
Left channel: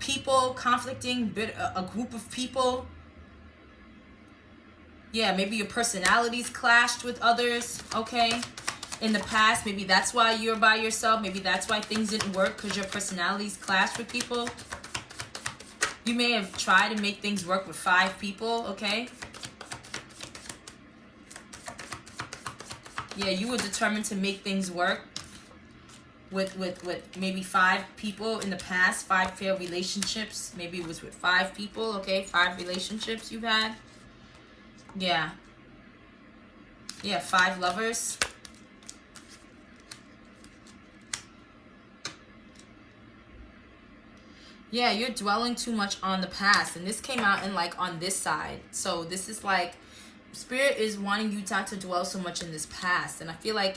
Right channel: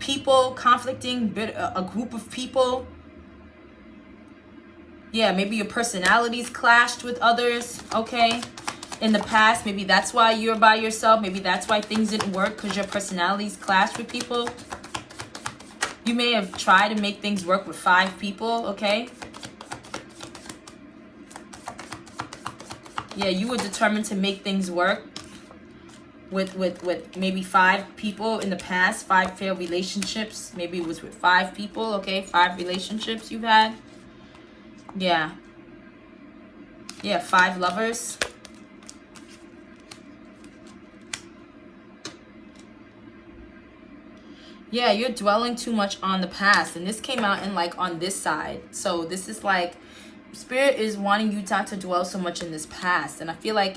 People conflicting, a group of people. Yeah, maybe your personalities clashed with others, okay? In the past, maybe that's why you're by yourself. Maybe that's why things didn't work, because your personalities clashed with people. You may have tried to make things work with 5 people, okay? Yeah, you were determined to make things work with maybe 5 people in the past, 5 failed relationships. Maybe it was with 5 people, okay? 5 relationships you've had. Yeah. Yeah, 5 lovers. Yeah, you're dwelling too much on the past. And this came out in like on this side. So this is like, Spirit is wanting you not to dwell so much in this past. And I feel like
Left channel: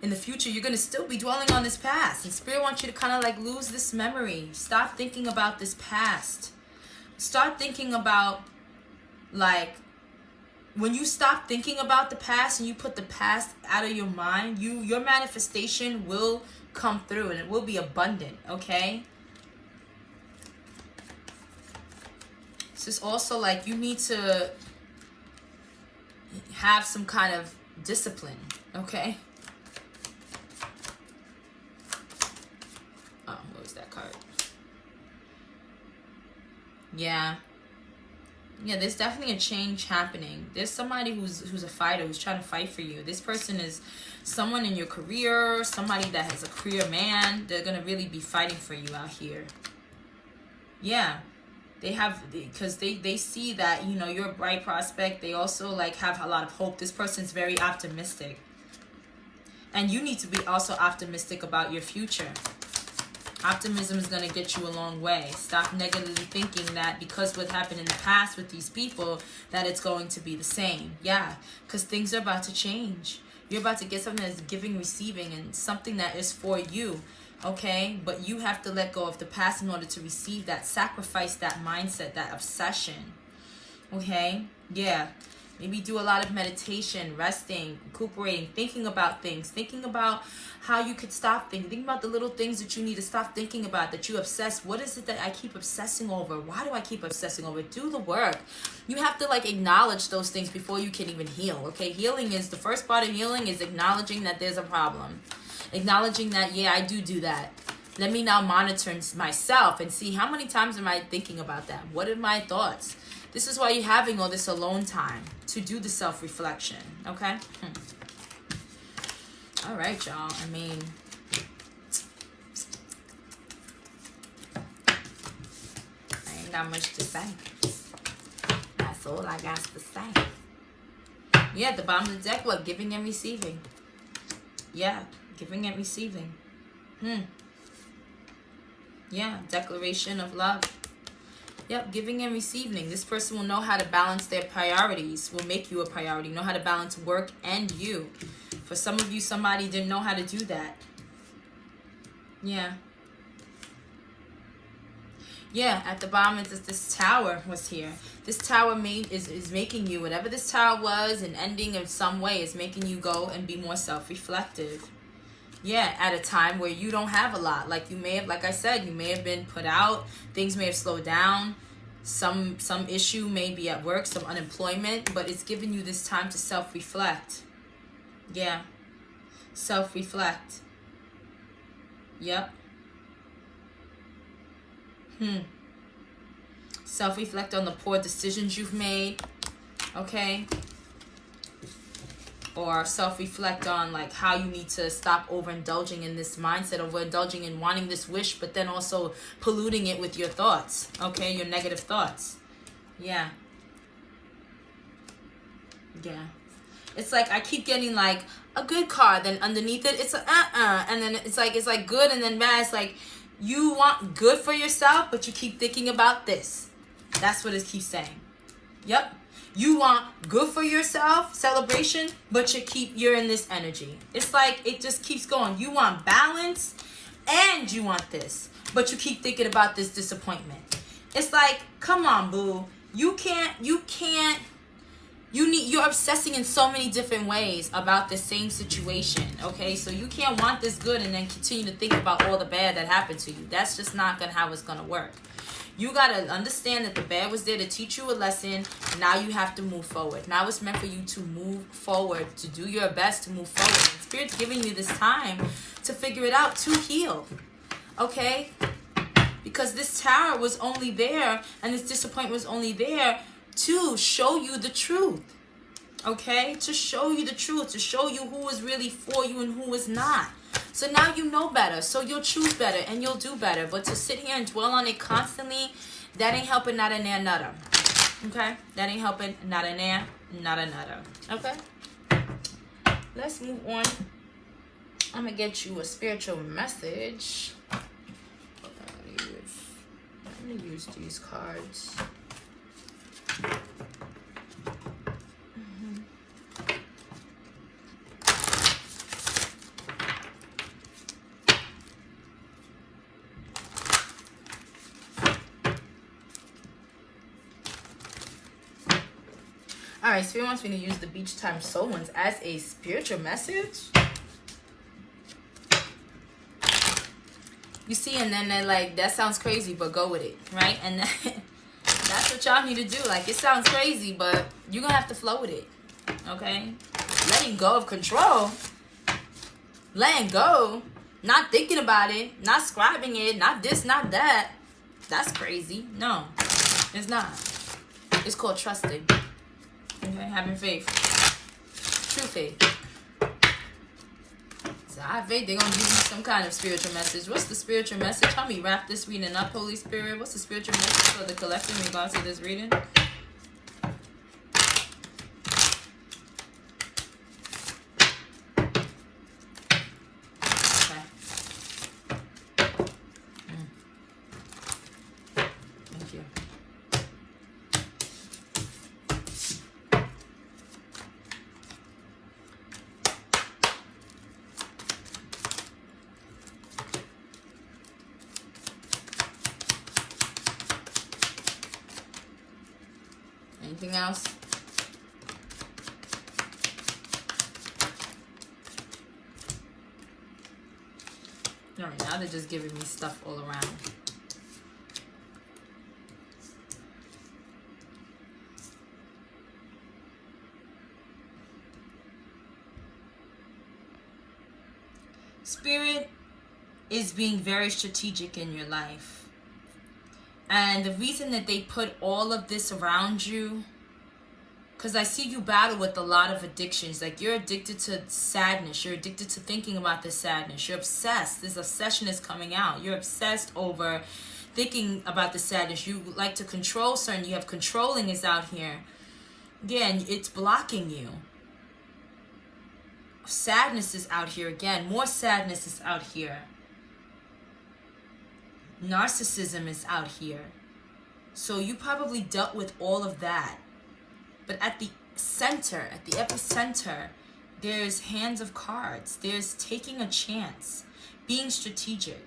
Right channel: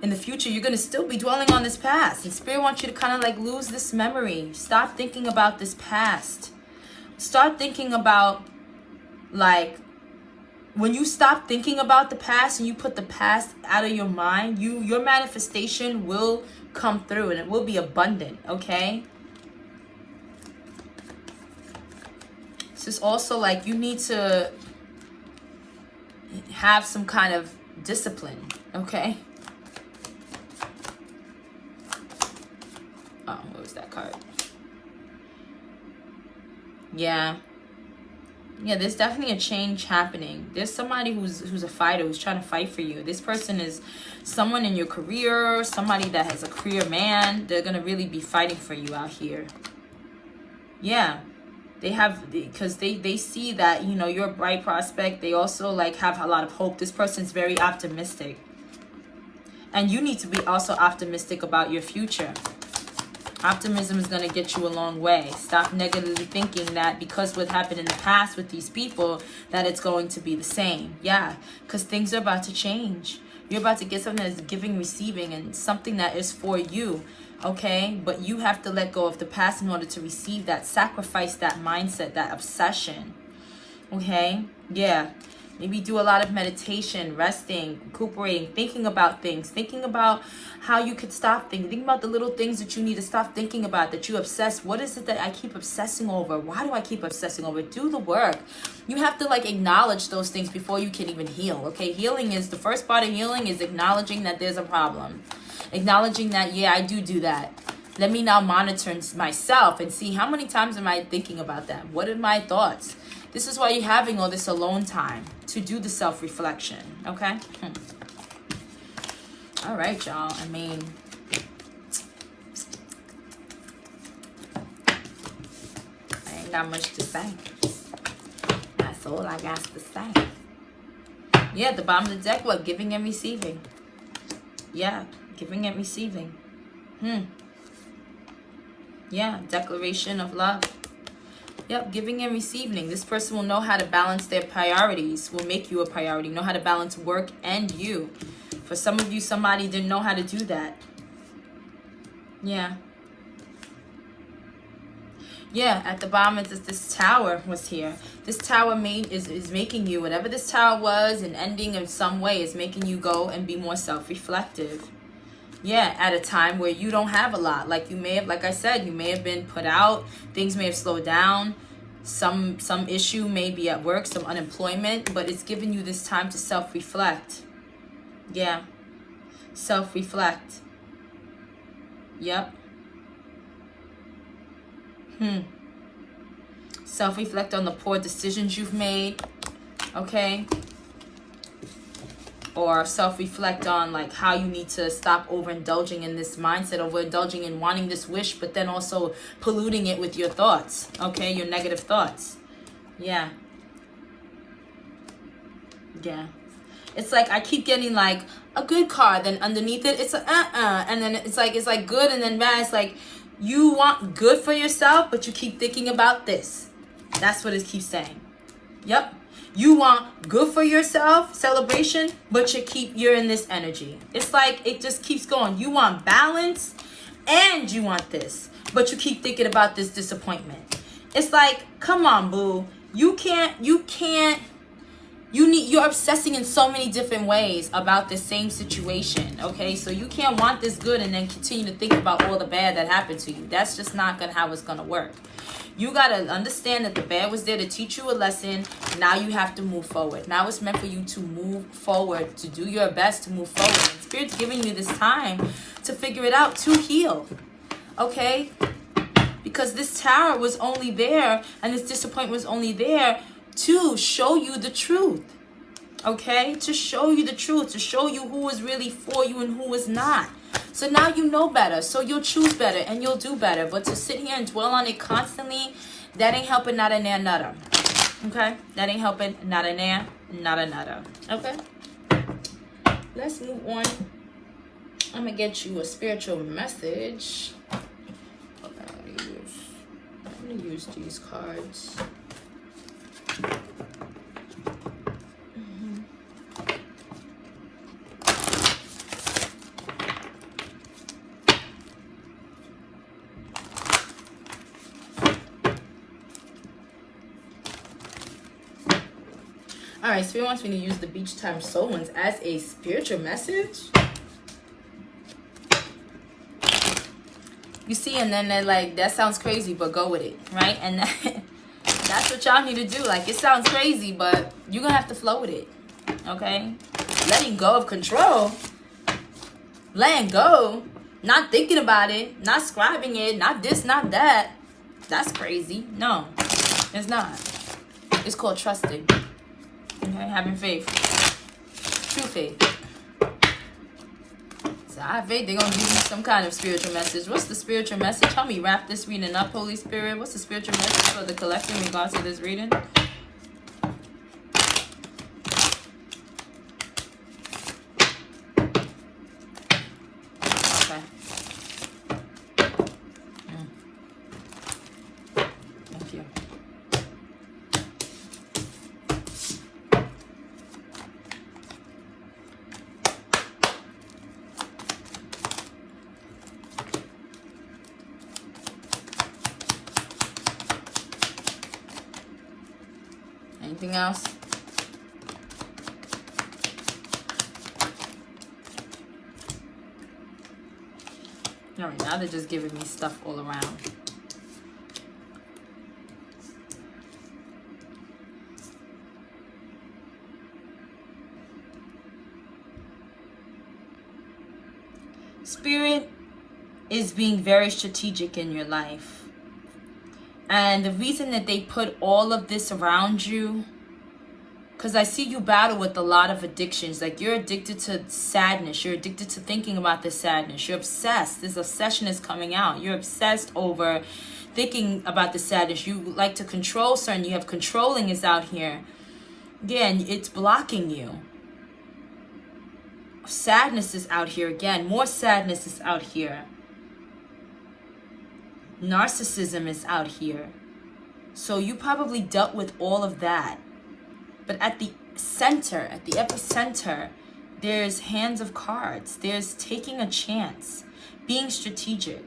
in the future, you're going to still be dwelling on this past. And Spirit wants you to kind of like lose this memory. Stop thinking about this past. Start thinking about like, when you stop thinking about the past and you put the past out of your mind, your manifestation will come through and it will be abundant, okay? This is also like you need to have some kind of discipline, okay? Oh, what was that card? Yeah, there's definitely a change happening. There's somebody who's a fighter, who's trying to fight for you. This person is someone in your career, somebody that has a career man. They're going to really be fighting for you out here. Yeah. They have, because they see that, you know, you're a bright prospect. They also like have a lot of hope. This person's very optimistic. And you need to be also optimistic about your future. Optimism is going to get you a long way. Stop negatively thinking that because what happened in the past with these people, that it's going to be the same. Yeah, because things are about to change. You're about to get something that's giving, receiving, and something that is for you. Okay? But you have to let go of the past in order to receive that, sacrifice that mindset, that obsession. Okay? Yeah. Maybe do a lot of meditation, resting, recuperating, thinking about things, thinking about how you could stop thinking about the little things that you need to stop thinking about, that you obsess. What is it that I keep obsessing over? Why do I keep obsessing over? Do the work. You have to acknowledge those things before you can even heal. Okay, healing is, the first part of healing is acknowledging that there's a problem. Acknowledging that, yeah, I do that. Let me now monitor myself and see how many times am I thinking about that? What are my thoughts? This is why you're having all this alone time, to do the self-reflection, okay? All right, y'all. I mean, I ain't got much to say. That's all I got to say. Yeah, at the bottom of the deck, what? Giving and receiving. Yeah, giving and receiving. Yeah, declaration of love. Yep, giving and receiving. This person will know how to balance their priorities, will make you a priority, know how to balance work and you. For some of you, somebody didn't know how to do that. Yeah. Yeah, at the bottom of this tower was here. This tower is making you, whatever this tower was, and ending in some way is making you go and be more self-reflective. Yeah, at a time where you don't have a lot. Like you may have, like I said, you may have been put out. Things may have slowed down. Some issue may be at work, some unemployment. But it's giving you this time to self-reflect. Yeah. Self-reflect. Yep. Self-reflect on the poor decisions you've made. Okay. Or self-reflect on how you need to stop overindulging in this mindset, overindulging in wanting this wish, but then also polluting it with your thoughts, okay? Your negative thoughts. Yeah. Yeah. It's I keep getting a good card, then underneath it, it's and then it's like good, and then bad. It's you want good for yourself, but you keep thinking about this. That's what it keeps saying. Yep. You want good for yourself, celebration, but you're in this energy. It's it just keeps going. You want balance and you want this, but you keep thinking about this disappointment. It's come on, boo. You're obsessing in so many different ways about the same situation, okay? So you can't want this good and then continue to think about all the bad that happened to you. That's just not how it's going to work. You got to understand that the bad was there to teach you a lesson. Now you have to move forward. Now it's meant for you to move forward, to do your best to move forward. And Spirit's giving you this time to figure it out, to heal. Okay? Because this tower was only there, and this disappointment was only there to show you the truth. Okay? To show you the truth. To show you who is really for you and who is not. So now you know better, so you'll choose better and you'll do better. But to sit here and dwell on it constantly, that ain't helping, not a nair, nutter. Okay? That ain't helping, not a nair, not a nutter. Okay? Let's move on. I'm going to get you a spiritual message. I'm going to use these cards. All right, Spirit wants me to use the Beach Time Soul ones as a spiritual message. You see, and then they're that sounds crazy, but go with it, right? And that's what y'all need to do. It sounds crazy, but you're going to have to flow with it, okay? Letting go of control. Letting go. Not thinking about it. Not scribing it. Not this, not that. That's crazy. No, it's not. It's called trusting. Okay, having faith. True faith. So I have faith they're going to give me some kind of spiritual message. What's the spiritual message? Help me wrap this reading up, Holy Spirit. What's the spiritual message for the collective in regards to this reading? Okay. Anything else? All right, now they're just giving me stuff all around. Spirit is being very strategic in your life. And the reason that they put all of this around you, because I see you battle with a lot of addictions. Like, you're addicted to sadness. You're addicted to thinking about this sadness. You're obsessed. This obsession is coming out. You're obsessed over thinking about the sadness. You like to control certain. You have controlling is out here. Again, it's blocking you. Sadness is out here again. More sadness is out here. Narcissism is out here. So you probably dealt with all of that. But at the center, at the epicenter, there's hands of cards. There's taking a chance, being strategic.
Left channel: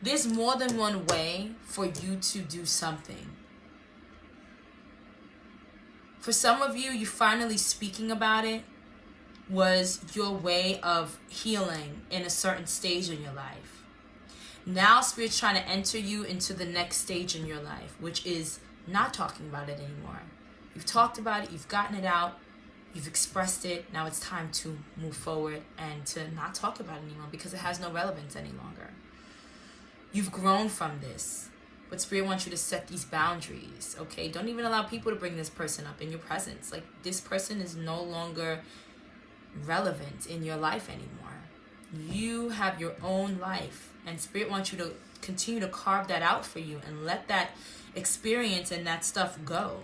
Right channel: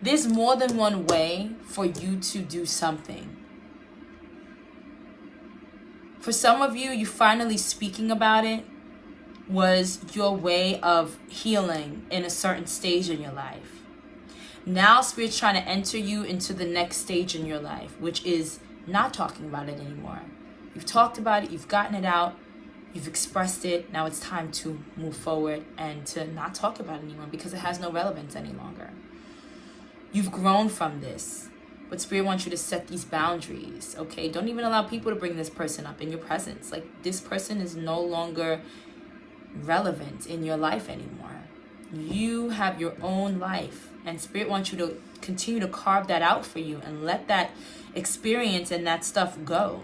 There's more than one way for you to do something. For some of you, you finally speaking about it was your way of healing in a certain stage in your life. Now Spirit's trying to enter you into the next stage in your life, which is not talking about it anymore. You've talked about it, you've gotten it out, you've expressed it. Now it's time to move forward and to not talk about it anymore because it has no relevance any longer. You've grown from this, but Spirit wants you to set these boundaries, okay? Don't even allow people to bring this person up in your presence. Like, this person is no longer relevant in your life anymore. You have your own life, and Spirit wants you to continue to carve that out for you and let that experience and that stuff go.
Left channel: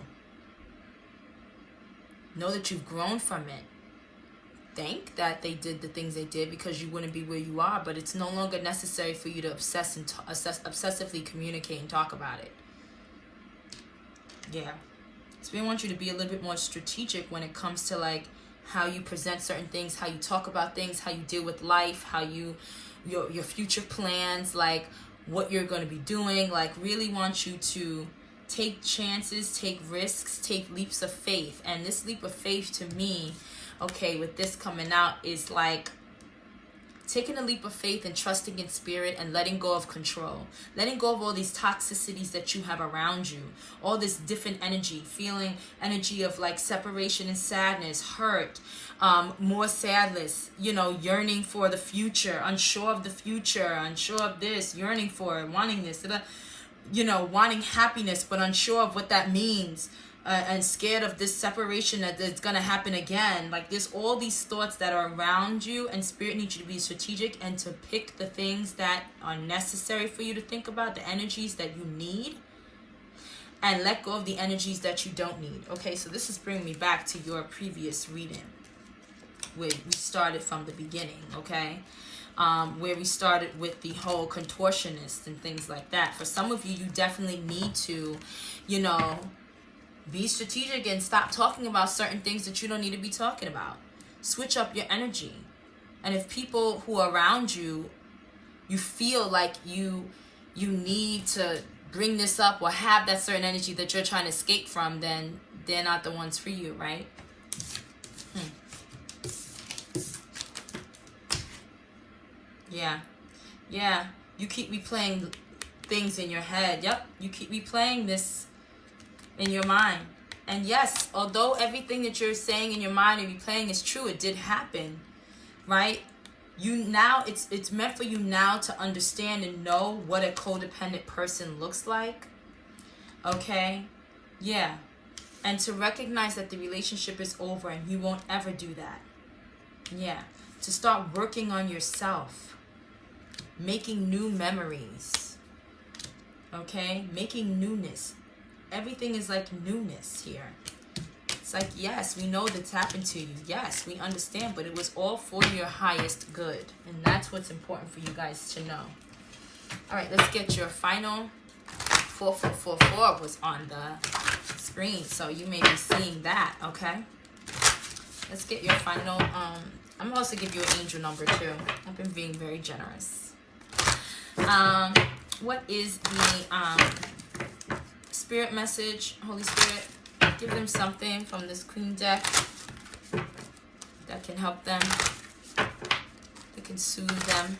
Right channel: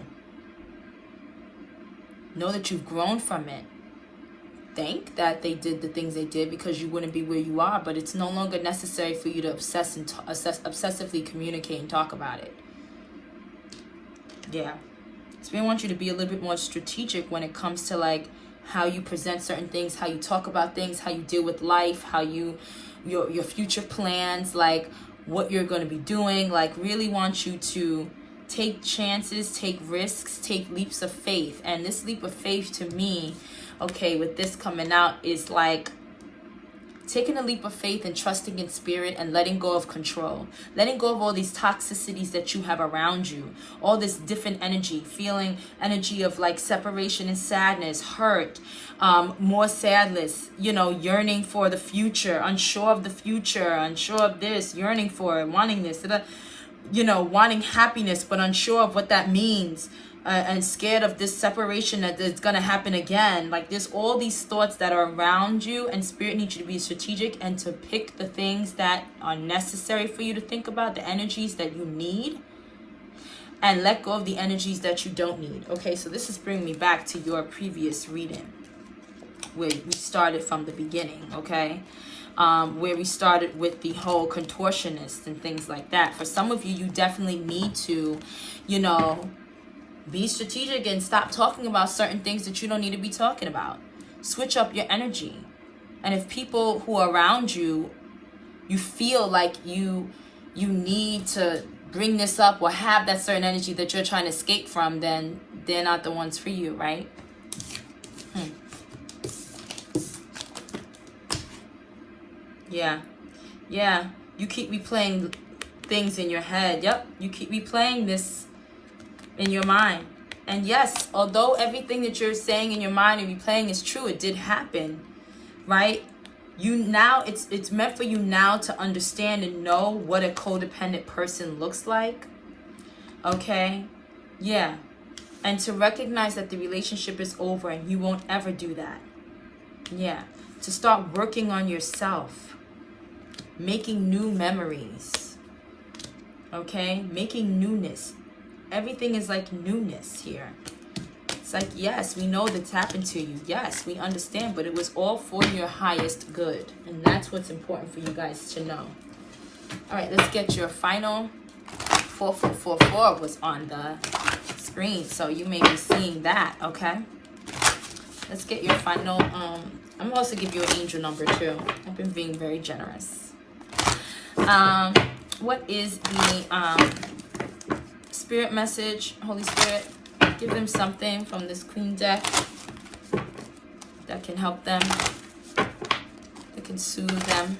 Know that you've grown from it. Think that they did the things they did because you wouldn't be where you are, but it's no longer necessary for you to obsessively communicate and talk about it. Yeah. Spirit wants you to be a little bit more strategic when it comes to, like, how you present certain things, how you talk about things, how you deal with life, how you, your future plans, like what you're going to be doing. Like, really want you to take chances, take risks, take leaps of faith. And this leap of faith to me, okay, with this coming out, is like taking a leap of faith and trusting in Spirit and letting go of control. Letting go of all these toxicities that you have around you. All this different energy, feeling energy of like separation and sadness, hurt, more sadness, you know, yearning for the future, unsure of the future, unsure of this, yearning for it, wanting this, you know, wanting happiness, but unsure of what that means. And scared of this separation that is going to happen again. Like, there's all these thoughts that are around you, and Spirit needs you to be strategic and to pick the things that are necessary for you to think about, the energies that you need, and let go of the energies that you don't need. Okay, so this is bringing me back to your previous reading where we started from the beginning, okay? Where we started with the whole contortionist and things like that. For some of you, you definitely need to, you know, be strategic and stop talking about certain things that you don't need to be talking about. Switch up your energy. And if people who are around you, you feel like you need to bring this up or have that certain energy that you're trying to escape from, then they're not the ones for you, right? Yeah. You keep replaying things in your head. Yep. You keep replaying this in your mind. And yes, although everything that you're saying in your mind and replaying is true, it did happen, right? You now, it's meant for you now to understand and know what a codependent person looks like. Okay? Yeah. And to recognize that the relationship is over and you won't ever do that. Yeah. To start working on yourself. Making new memories. Okay? Making newness. Everything is like newness here. It's like, yes, we know that's happened to you. Yes, we understand, but it was all for your highest good. And that's what's important for you guys to know. All right, let's get your final 4444 was on the screen. So you may be seeing that, okay? Let's get your final, I'm also give you an angel number too. I've been being very generous. What is the Spirit message, Holy Spirit, give them something from this Queen deck that can help them, that can soothe them,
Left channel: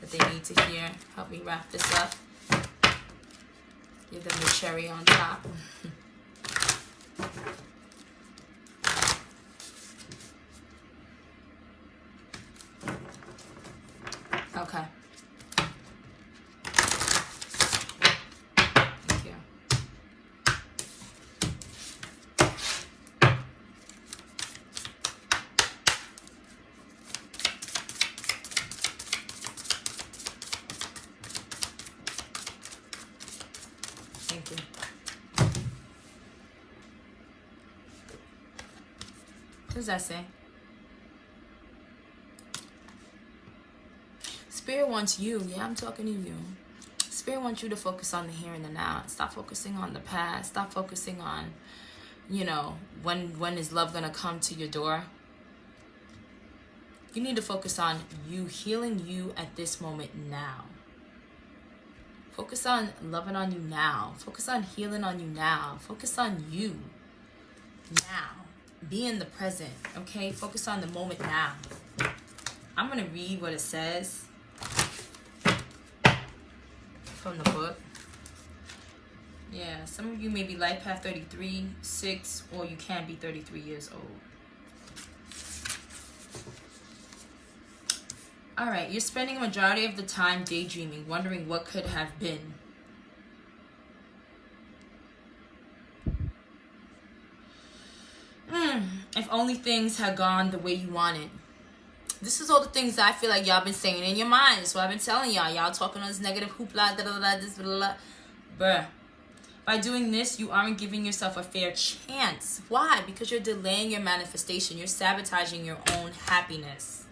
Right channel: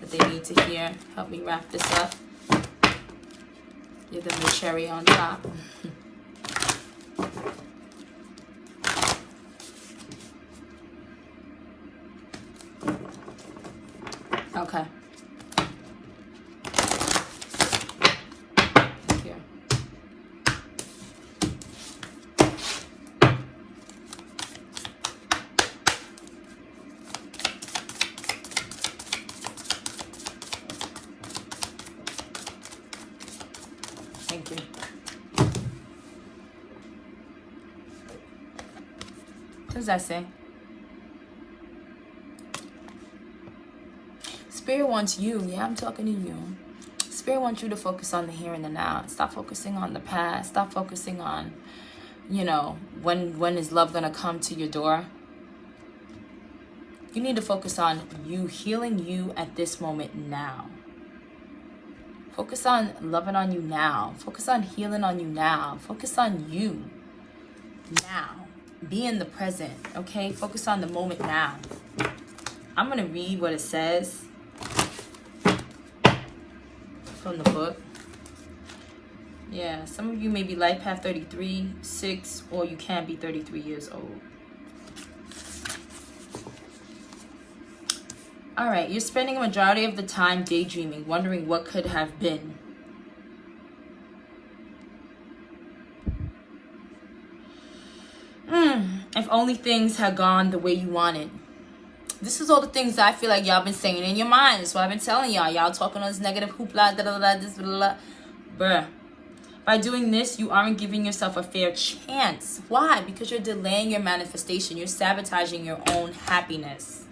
that they need to hear. Help me wrap this up. Give them the cherry on top. Okay. Thank you. Thank you. What does that say? Spirit wants you. Yeah, I'm talking to you. Spirit wants you to focus on the here and the now. Stop focusing on the past. Stop focusing on, you know, when is love going to come to your door. You need to focus on you, healing you at this moment now. Focus on loving on you now. Focus on healing on you now. Focus on you now. Be in the present, okay? Focus on the moment now. I'm going to read what it says from the book. Yeah, some of you may be life path 33, 6, or you can be 33 years old. All right, you're spending a majority of the time daydreaming, wondering what could have been. If only things had gone the way you wanted. This is all the things that I feel like y'all been saying in your mind. That's what I've been telling y'all. Y'all talking on this negative hoopla, this, bruh. By doing this, you aren't giving yourself a fair chance. Why? Because you're delaying your manifestation. You're sabotaging your own happiness.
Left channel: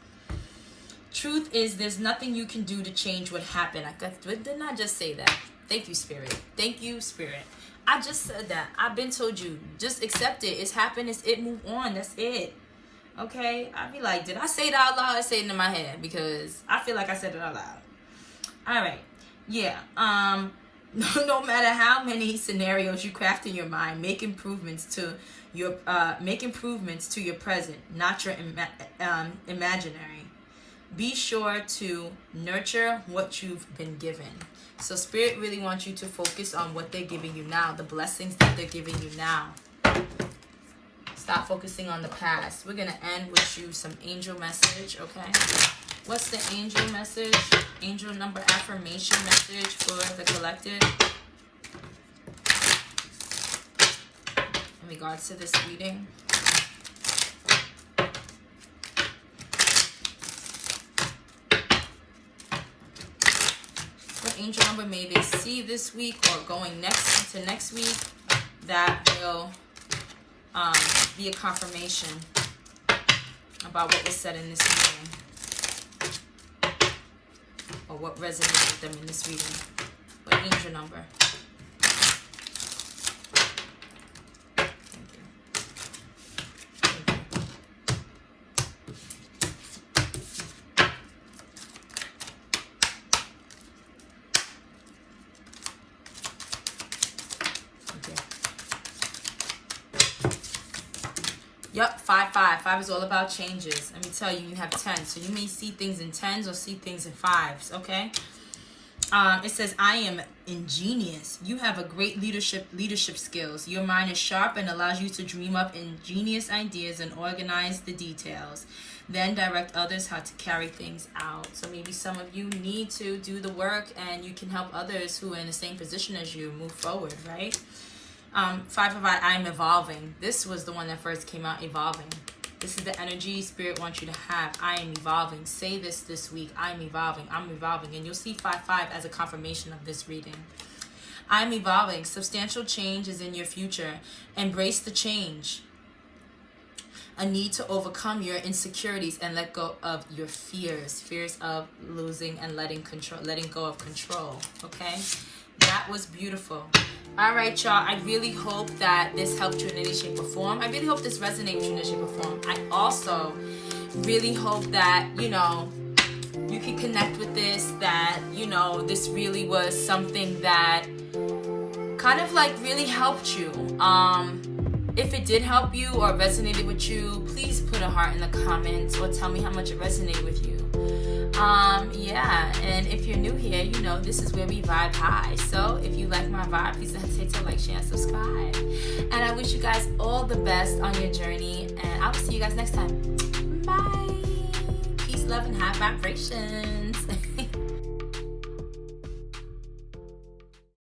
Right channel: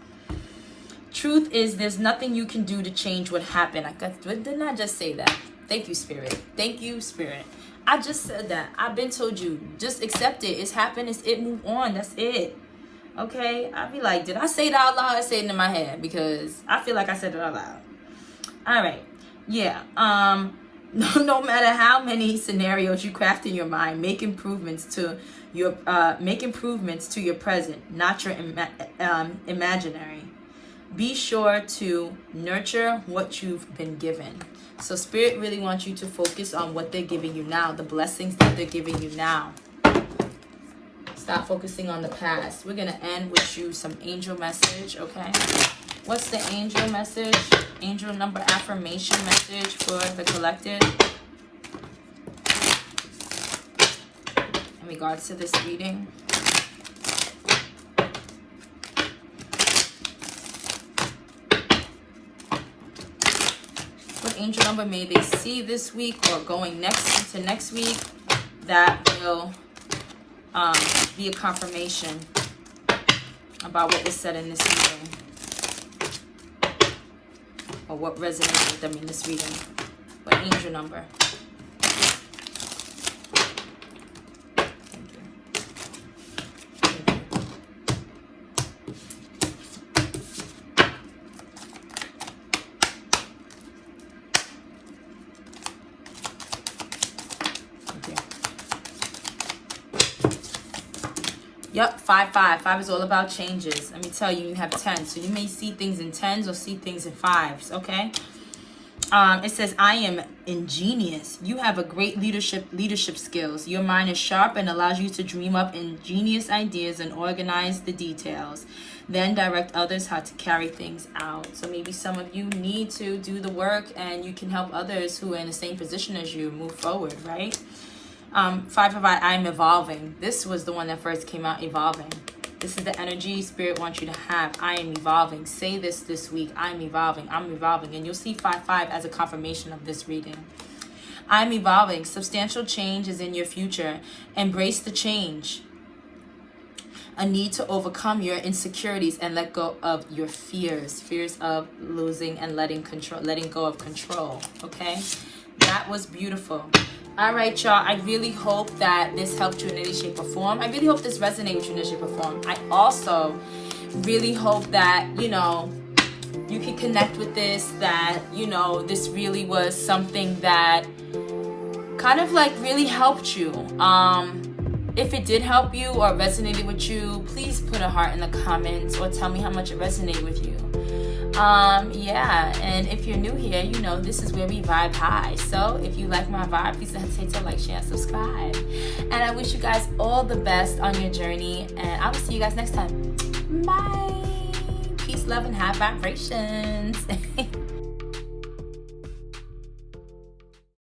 Truth is, there's nothing you can do to change what happened. Didn't I just say that? Thank you, Spirit. Thank you, Spirit. I just said that. I've been told you. Just accept it. It's happened. It's it. Move on. That's it. Okay? I'll be like, did I say it out loud or say it in my head? Because I feel like I said it out loud. All right. Yeah. No matter how many scenarios you craft in your mind, make improvements to your present, not your imaginary. Be sure to nurture what you've been given. So Spirit really wants you to focus on what they're giving you now, the blessings that they're giving you now. Stop focusing on the past. We're going to end with you some angel message, okay? What's the angel message? Angel number affirmation message for the collective in regards to this reading. What angel number may they see this week or going next into next week that will be a confirmation about what was said in this reading, or what resonated with them in this reading. What angel number? Thank you. Thank you. Yep, 5, 5. 5 is all about changes. Let me tell you, you have 10. So you may see things in 10s or see things in 5s, okay? It says, I am ingenious. You have a great leadership skills. Your mind is sharp and allows you to dream up ingenious ideas and organize the details. Then direct others how to carry things out. So maybe some of you need to do the work and you can help others who are in the same position as you move forward, right? 5 of I'm evolving. This was the one that first came out, evolving. This is the energy Spirit wants you to have. I am evolving. Say this week. I'm evolving. I'm evolving. And you'll see 5, 5 as a confirmation of this reading. I'm evolving. Substantial change is in your future. Embrace the change. A need to overcome your insecurities and let go of your fears. Fears of losing and letting go of control. Okay? That was beautiful. All right, y'all. I really hope that this helped you in any shape or form. I really hope this resonated with you in any shape or form. I also really hope that, you can connect with this, that, this really was something that kind of like really helped you. If it did help you or resonated with you, please put a heart in the comments or tell me how much it resonated with you. Yeah, and if you're new here, you know this is where we vibe high. So if you like my vibe, please don't hesitate to like, share, and subscribe. And I wish you guys all the best on your journey, and I will see you guys next time. Bye. Peace, love, and high vibrations.